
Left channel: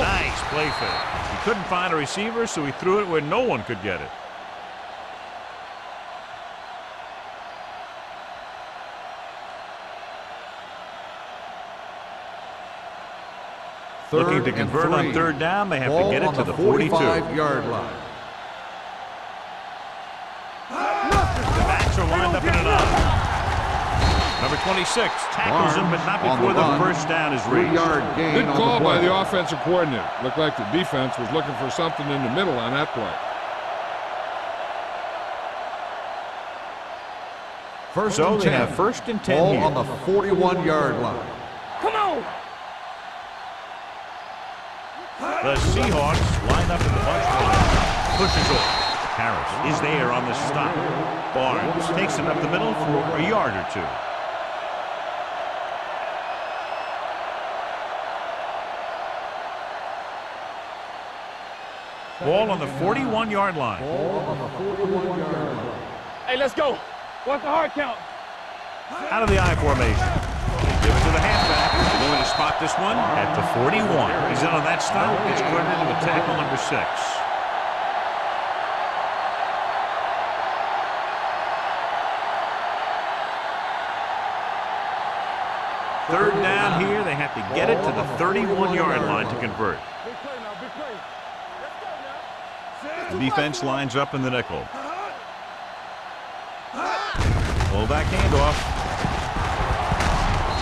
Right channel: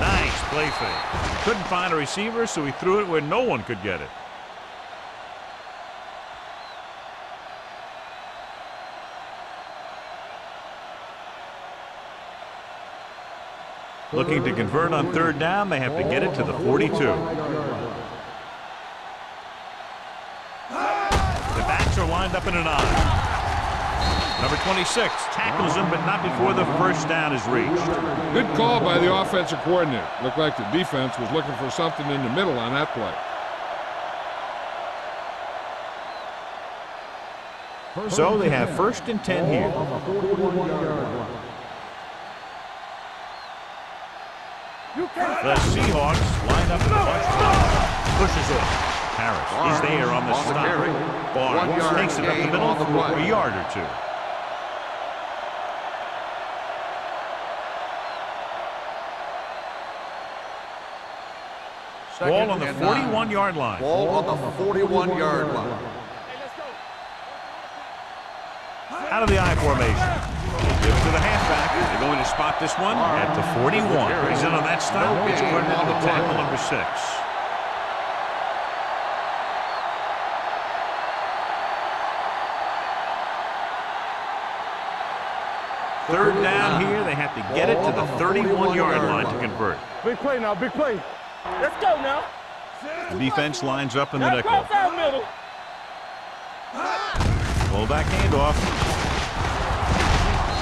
Nice play fake. He couldn't find a receiver, so he threw it where no one could get it. Looking to convert on 3rd down, they have to get it to the 42. The 45-yard line. backs are lined up in an eye. Number 26 tackles him, but not before the first down is reached. Good call by the offensive coordinator. Looked like the defense was looking for something in the middle on that play. So they have 1st and 10 Ball here. on the 41-yard line. Come on! The Seahawks line up in the bunch line. Pushes off. Harris is there on the stop. Barnes takes it up the middle for a yard or 2. Ball on the 41-yard line. Ball on the 41-yard line. Hey, let's go. What's the hard count? Out of the I formation. Give it to the halfback. They're going to spot this one at the 41. He's in on that stop. It's credited with tackle number 6. Third down here. They have to get it to the 31-yard line to convert. Big play now, big play. Let's go now. The defense lines up in the nickel. Fullback handoff.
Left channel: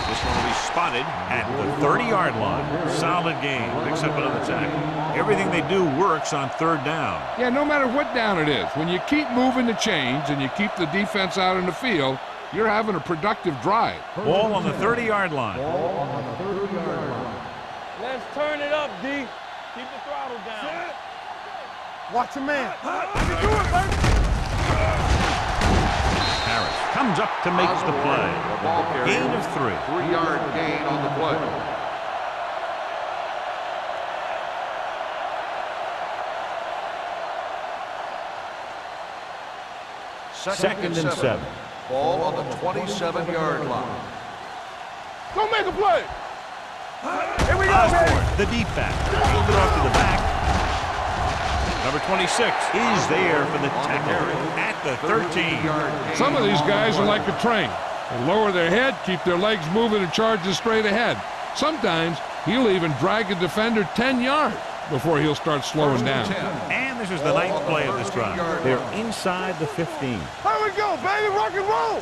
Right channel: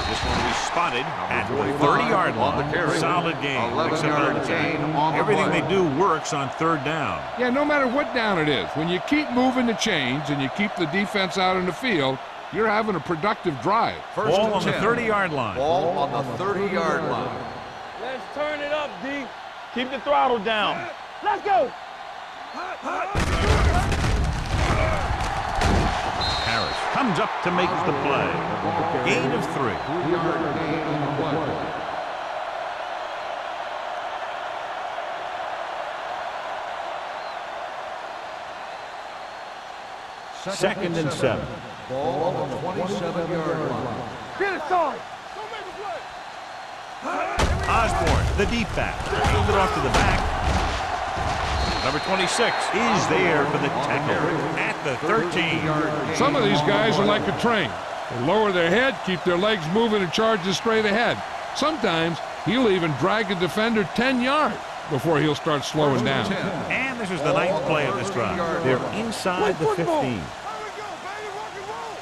This one will be spotted at the 30-yard line. Solid game. Picks up another tackle. Everything they do works on third down. Yeah, no matter what down it is, when you keep moving the chains and you keep the defense out in the field, you're having a productive drive. Ball on the 30-yard line. Ball on the 30-yard line. Let's turn it up, D. Keep the throttle down. Let's go. Watch your man. Harris comes up to make the play. Gain of 3. 3-yard gain on the play. Second and 7. Ball on the 27-yard line. Get it, son. Go make a play. Osborne, the deep back. Aimed it off to the back. Number 26 is there for the tackle at the 13. Some of these guys are like a train. They lower their head, keep their legs moving, and charge straight ahead. Sometimes he'll even drag a defender 10 yards before he'll start slowing down. And this is the 9th play of this drive. They're inside the 15. Here we go, baby. Rock and roll.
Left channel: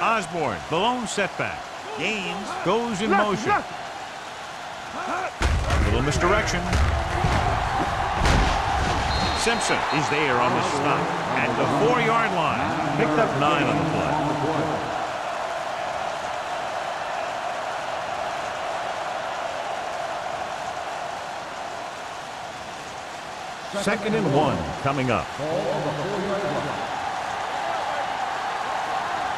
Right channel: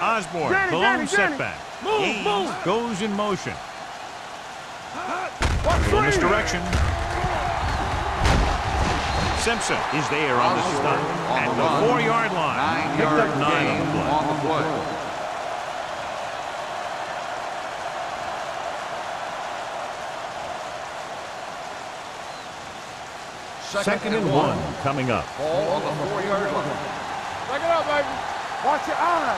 Osborne, the lone setback. Gaines goes in motion. Little misdirection. Simpson is there on the stop at the 4-yard line. Picked up 9 on the play. Second and 1 coming up. Back it up, baby. Watch your eyes.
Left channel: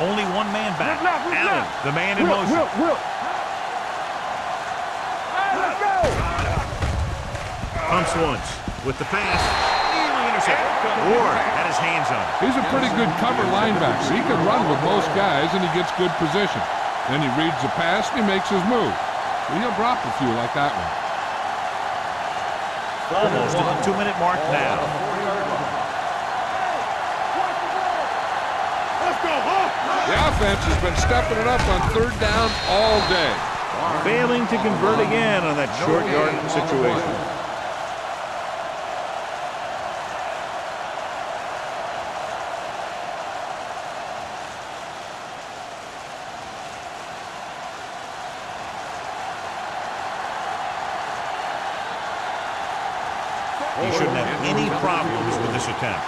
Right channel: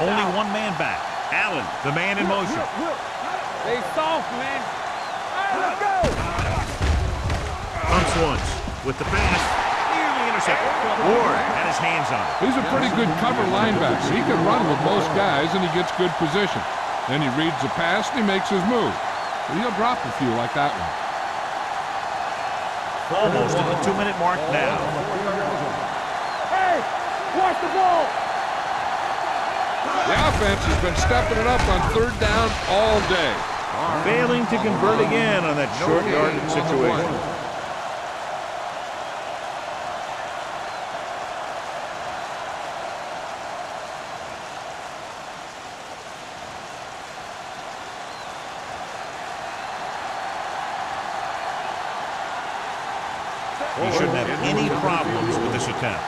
Only one man back. Allen, the man in motion. Whip. Stay soft, man. Let's go. Pumps once with the pass. Nearly intercepted. Ward had his hands on it. He's a pretty good cover linebacker. He can run with most guys, and he gets good position. Then he reads the pass, and he makes his move. But he'll drop a few like that one. Almost at the 2-minute mark now. Hey, watch the ball. Let's go. The offense has been stepping it up on third down all day. Failing to convert again on that short yardage situation. He shouldn't have any problems with this attempt.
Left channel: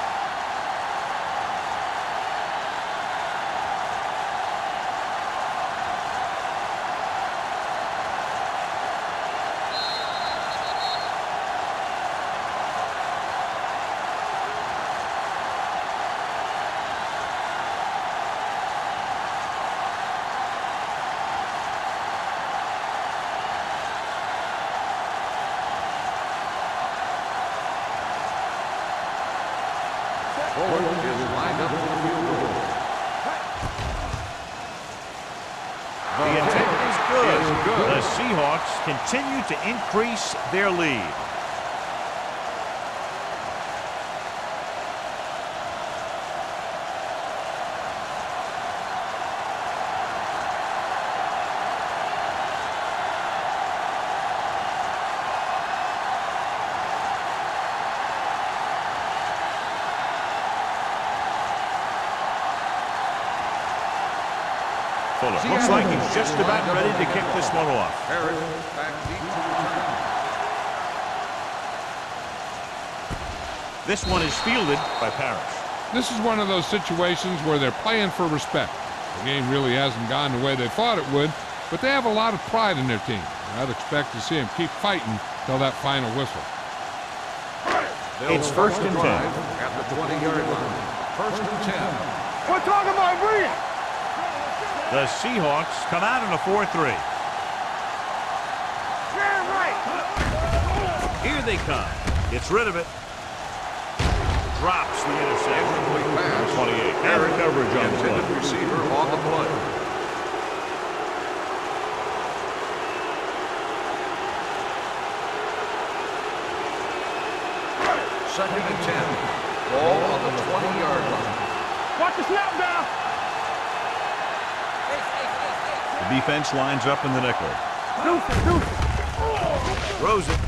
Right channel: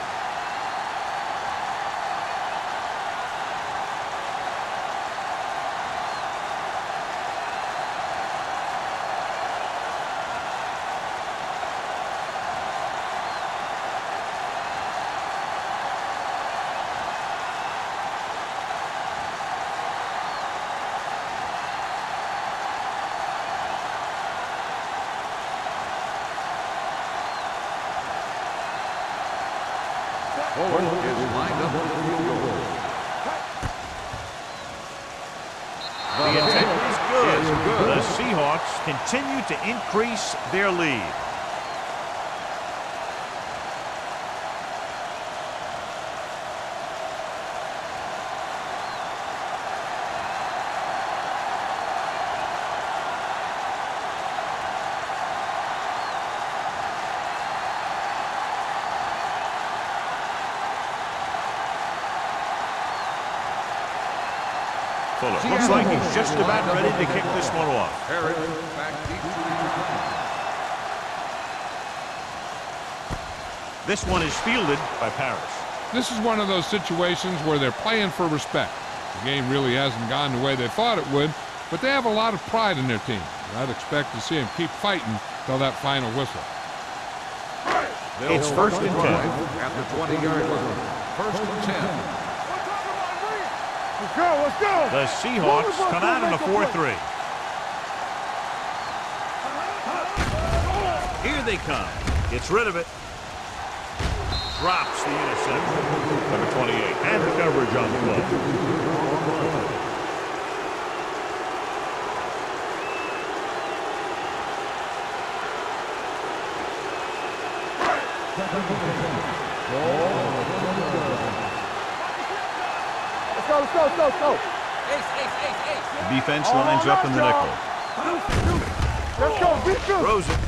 Fuller is lined up for the field goal. The intent is good. The Seahawks continue to increase their lead. Fuller looks like he's just about ready to kick this one off. Harris back deep to return. This one is fielded by Parrish. This is one of those situations where they're playing for respect. The game really hasn't gone the way they thought it would, but they have a lot of pride in their team. I'd expect to see them keep fighting till that final whistle. It's first and 10. At the 20-yard line. First and 10. We're talking about Bree. Let's go. The Seahawks come out in a 4-3. Here they come. Gets rid of it. drops the interception. Incomplete pass. Number 28. And the coverage on the play. Receiver on the play. Second and 10. Ball on the 20-yard line. Watch the snap down. Let's go, let's go, let's go, let's go. The defense lines up in the nickel. Throws it.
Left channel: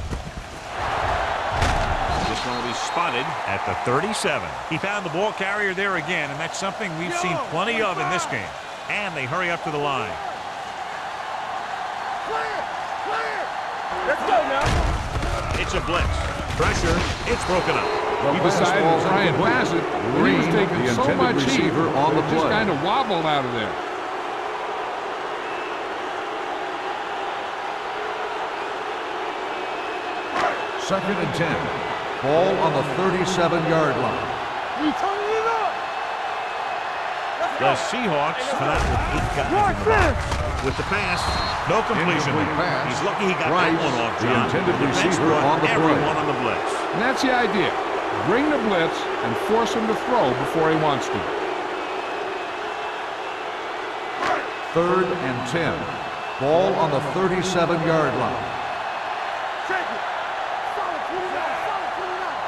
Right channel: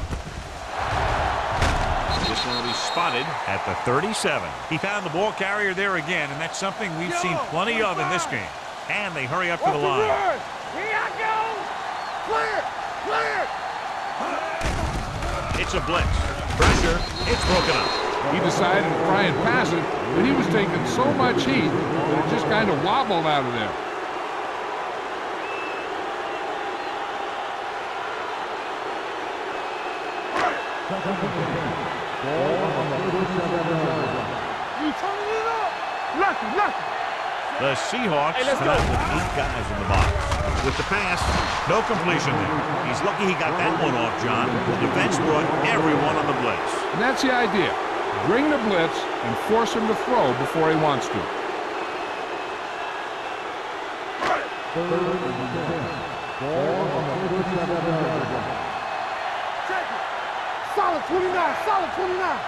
This one will be spotted at the 37. He found the ball carrier there again, and that's something we've seen plenty of in this game. And they hurry up to the line. Clear, clear. Let's go now. It's a blitz. Pressure. It's broken up. He decided to try and pass it, but he was taking so much heat that it just kind of wobbled out of there. Second and 10. Ball on the 37-yard line. You turning it up. Nothing. The Seahawks come out with 8 guys in the box. With the pass, no completion there. He's lucky he got that one off, John. The defense brought everyone on the blitz. And that's the idea. Bring the blitz and force him to throw before he wants to. Third and 10. Ball on the 37-yard line. Check it. Solid 29, solid 29.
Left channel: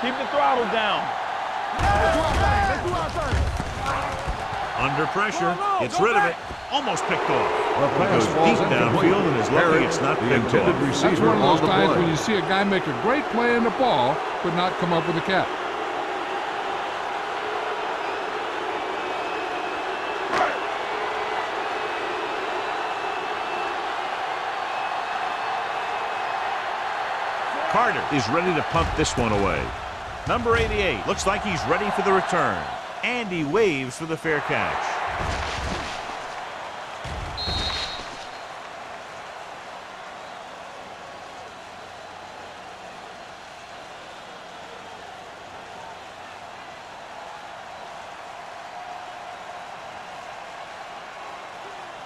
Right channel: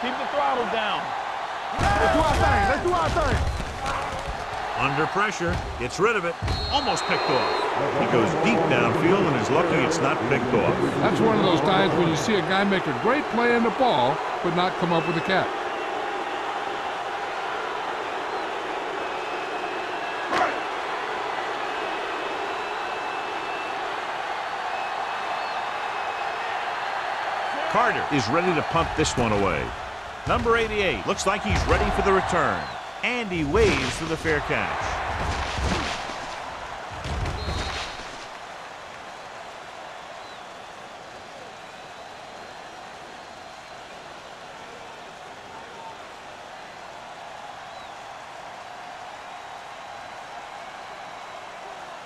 Keep the throttle down. Let's do our thing, let's do our thing. Under pressure, gets rid of it, almost picked off. He goes deep downfield and is lucky it's not picked off. That's one of those times when you see a guy make a great play in the ball, but not come up with a catch. Carter is ready to punt this one away. Number 88 looks like he's ready for the return. And he waves for the fair catch.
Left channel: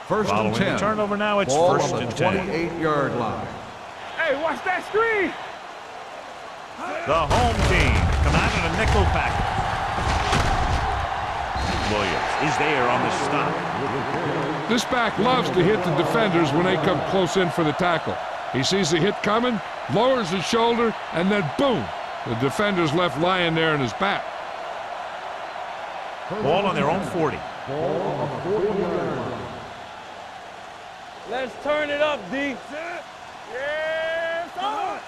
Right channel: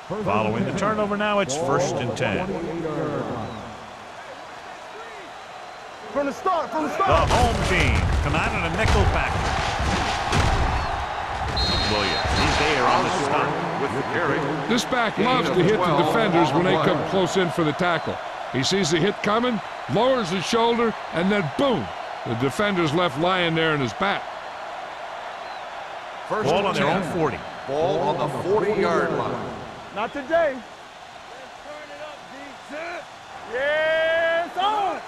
Following the turnover now, it's first and 10. 28-yard line. Hey, watch that screen. From the start, The home team come out in a nickel package. Williams is there on the stop. This back loves to hit the defenders when they come close in for the tackle. He sees the hit coming, lowers his shoulder, and then boom, the defender's left lying there in his back. Ball on their own 40. Ball on the 40-yard line. Not today. Let's turn it up, D. Set. Yes, on.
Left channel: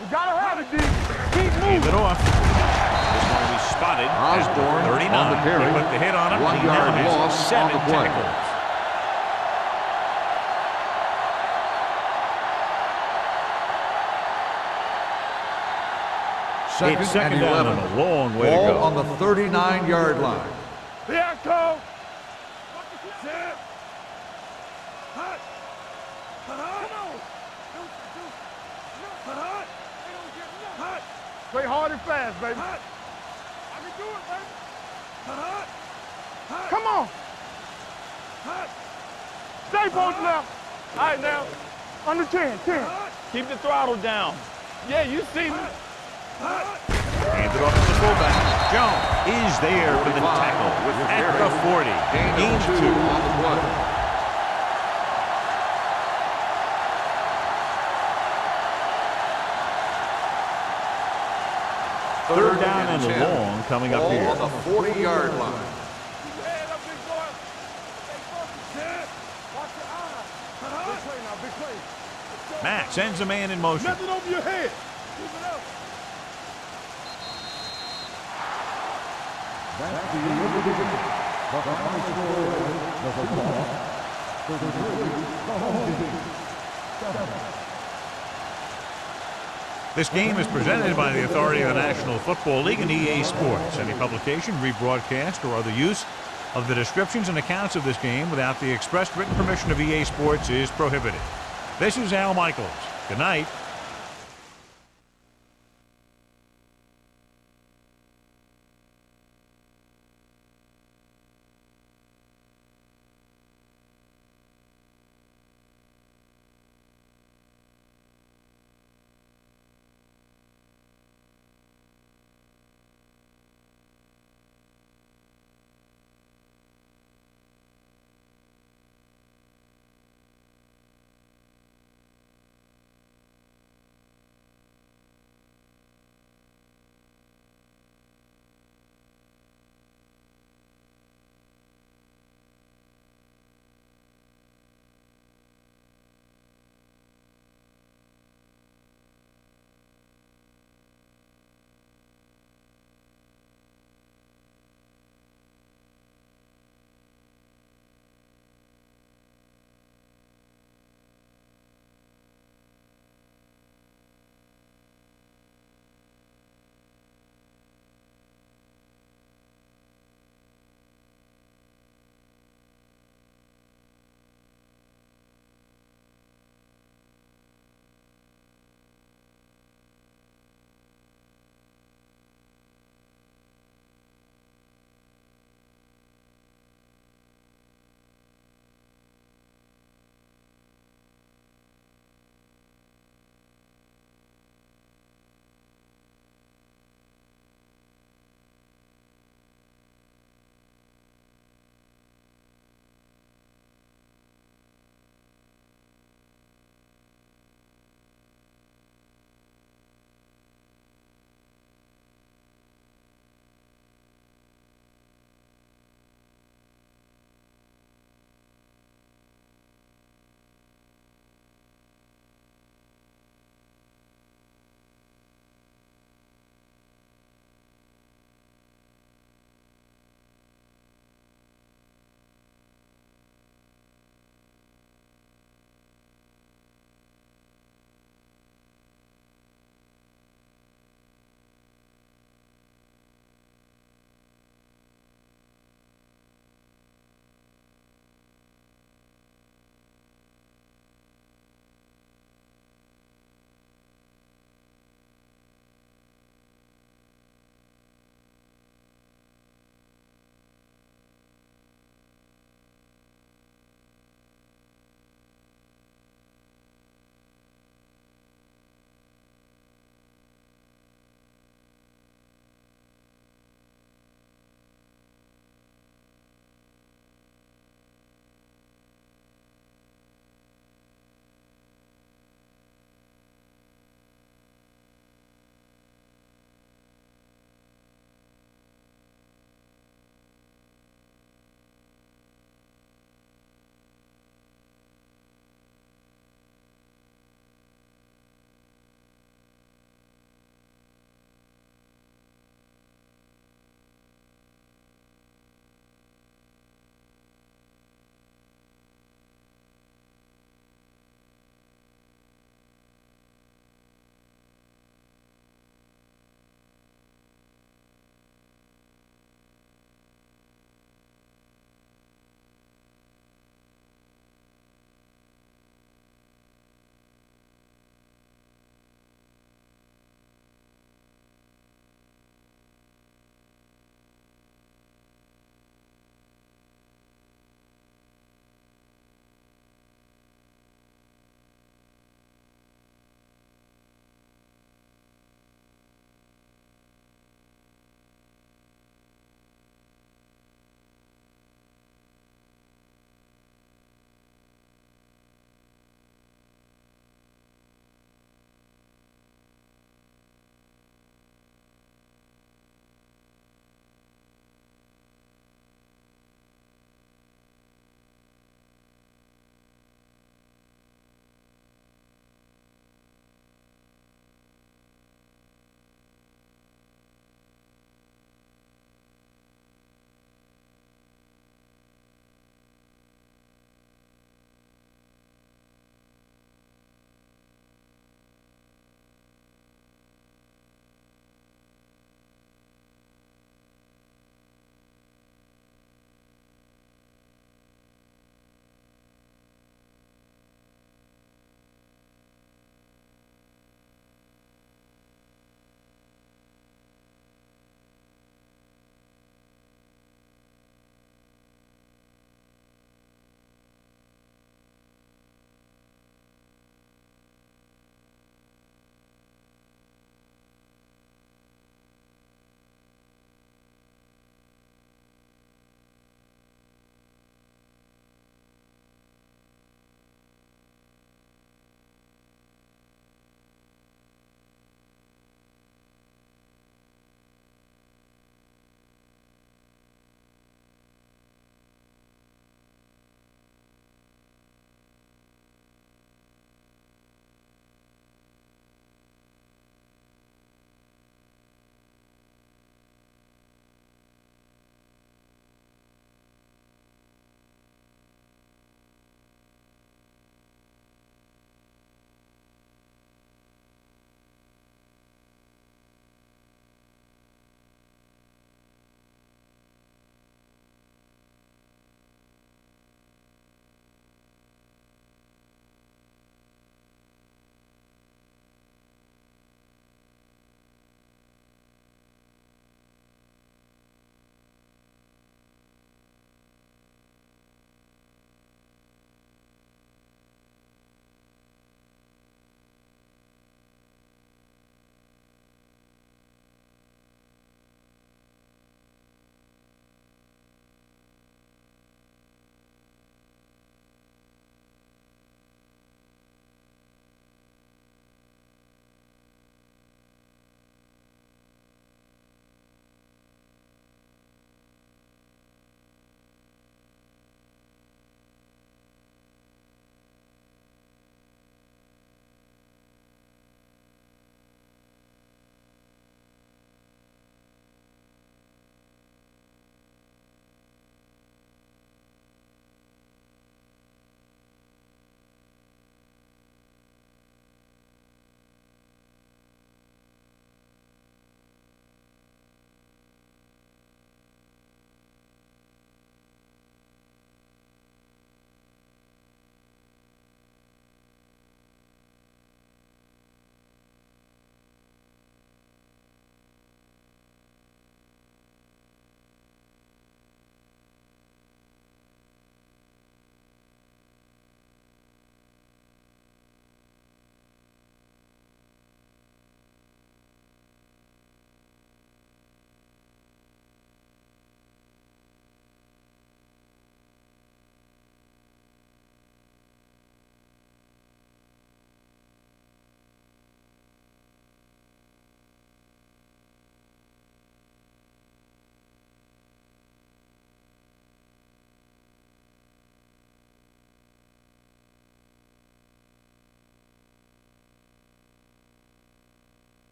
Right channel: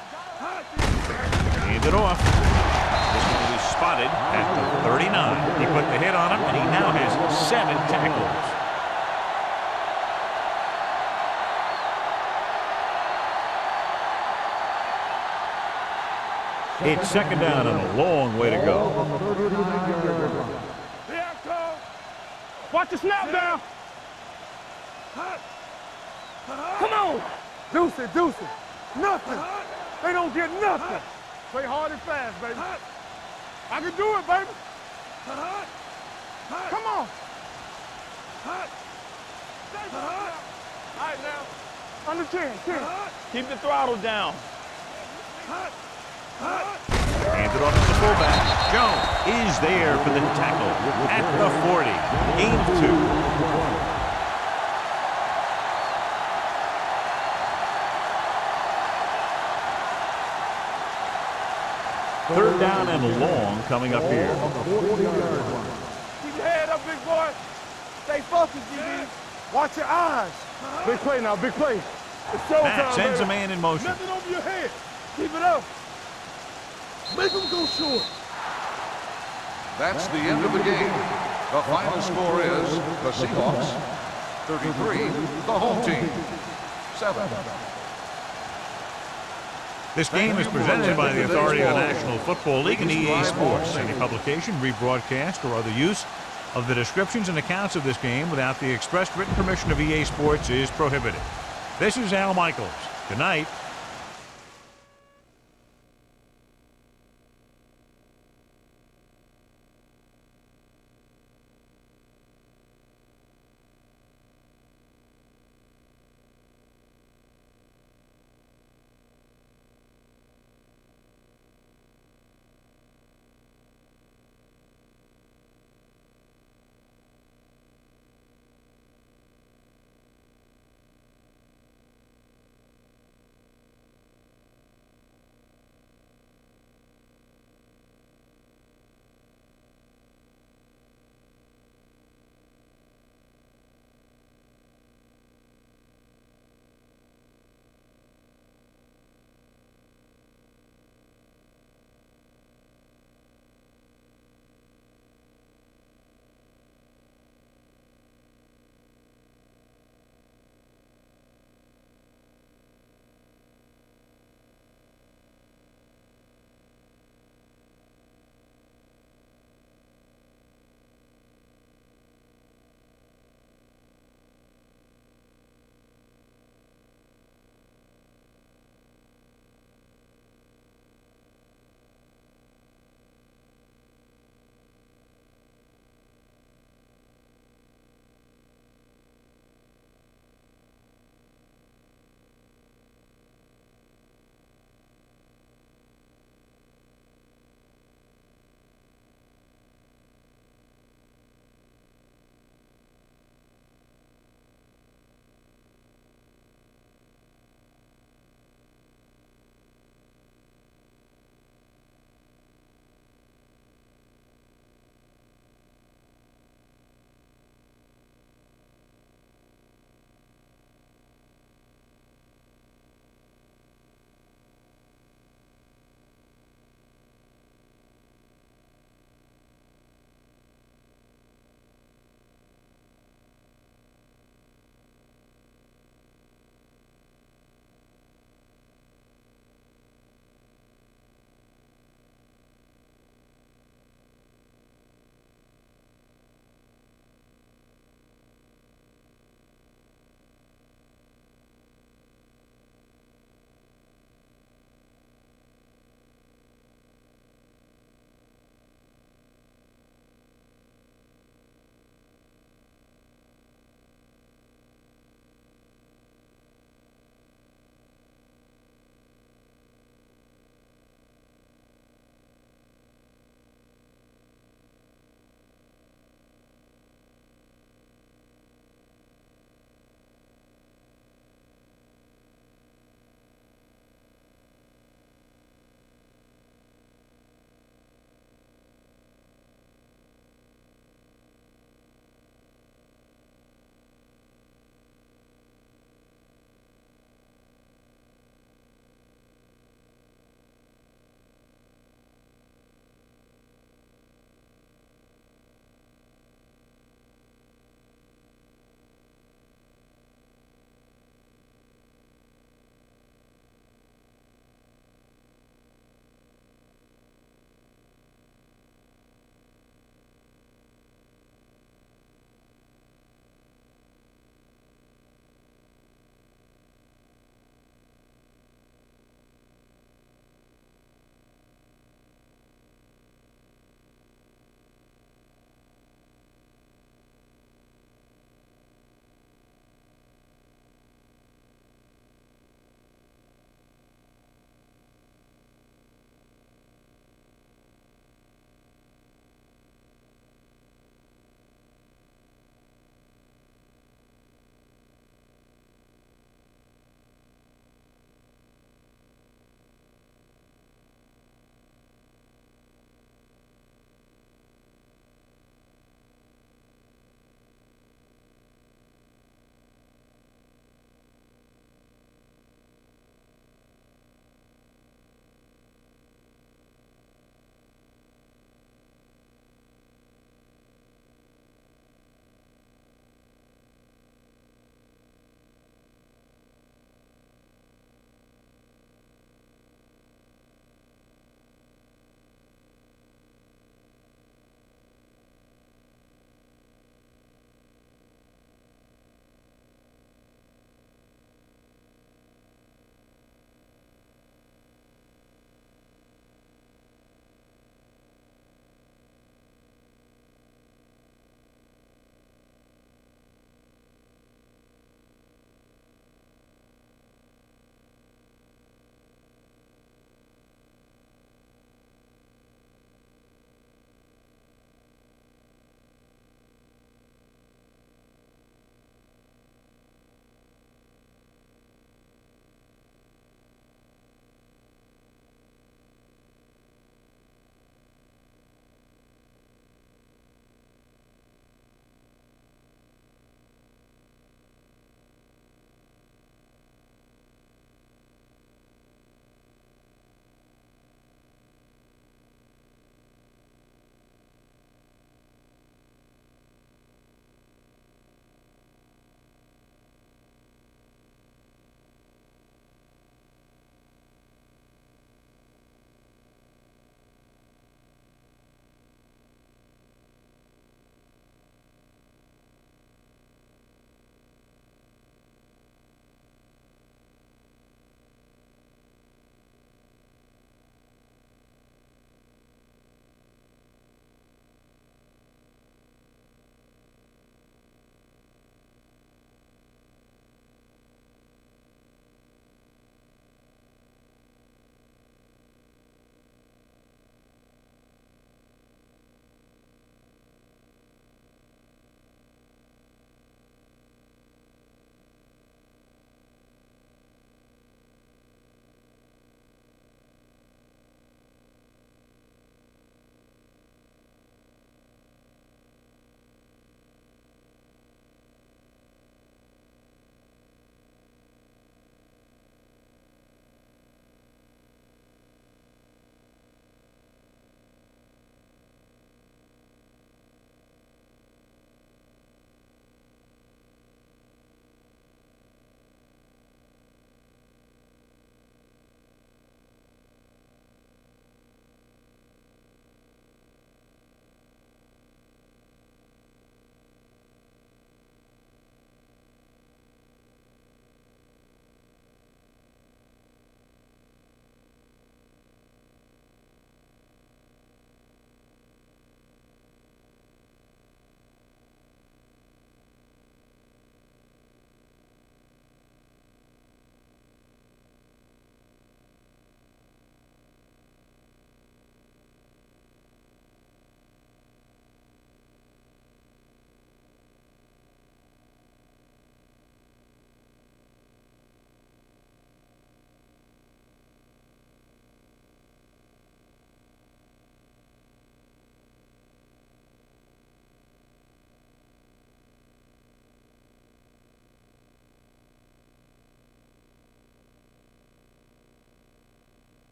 We gotta have it, D. Hand it off. This one will be spotted at the 39. He put the hit on him, and he now has 7 tackles. It's second down and a long way to go. On the 39-yard line. There I go. Watch the snap down. Hot. Come on. Deuce it. Nothing. They don't get nothing. Play hard and fast, baby. I can do it, baby. Come on. Stay both now. All right, now. Under 10. Keep the throttle down. Yeah, you see me. Hand it off to the fullback. Jones is there for the tackle at the 40. Gain of 2. Third down and long coming up here. On the 40-yard line. Keep your head up, big boy. Stay focused, man. Watch your eyes. Big play now, big play. Matt sends a man in motion. Nothing over your head. Keep it up. Make him go short. That's the end of the game. The final score is the Seahawks 33, the home team 7. This game is presented by the authority of the National Football League and EA Sports. Any publication, rebroadcast, or other use of the descriptions and accounts of this game without the expressed written permission of EA Sports is prohibited. This is Al Michaels. Good night.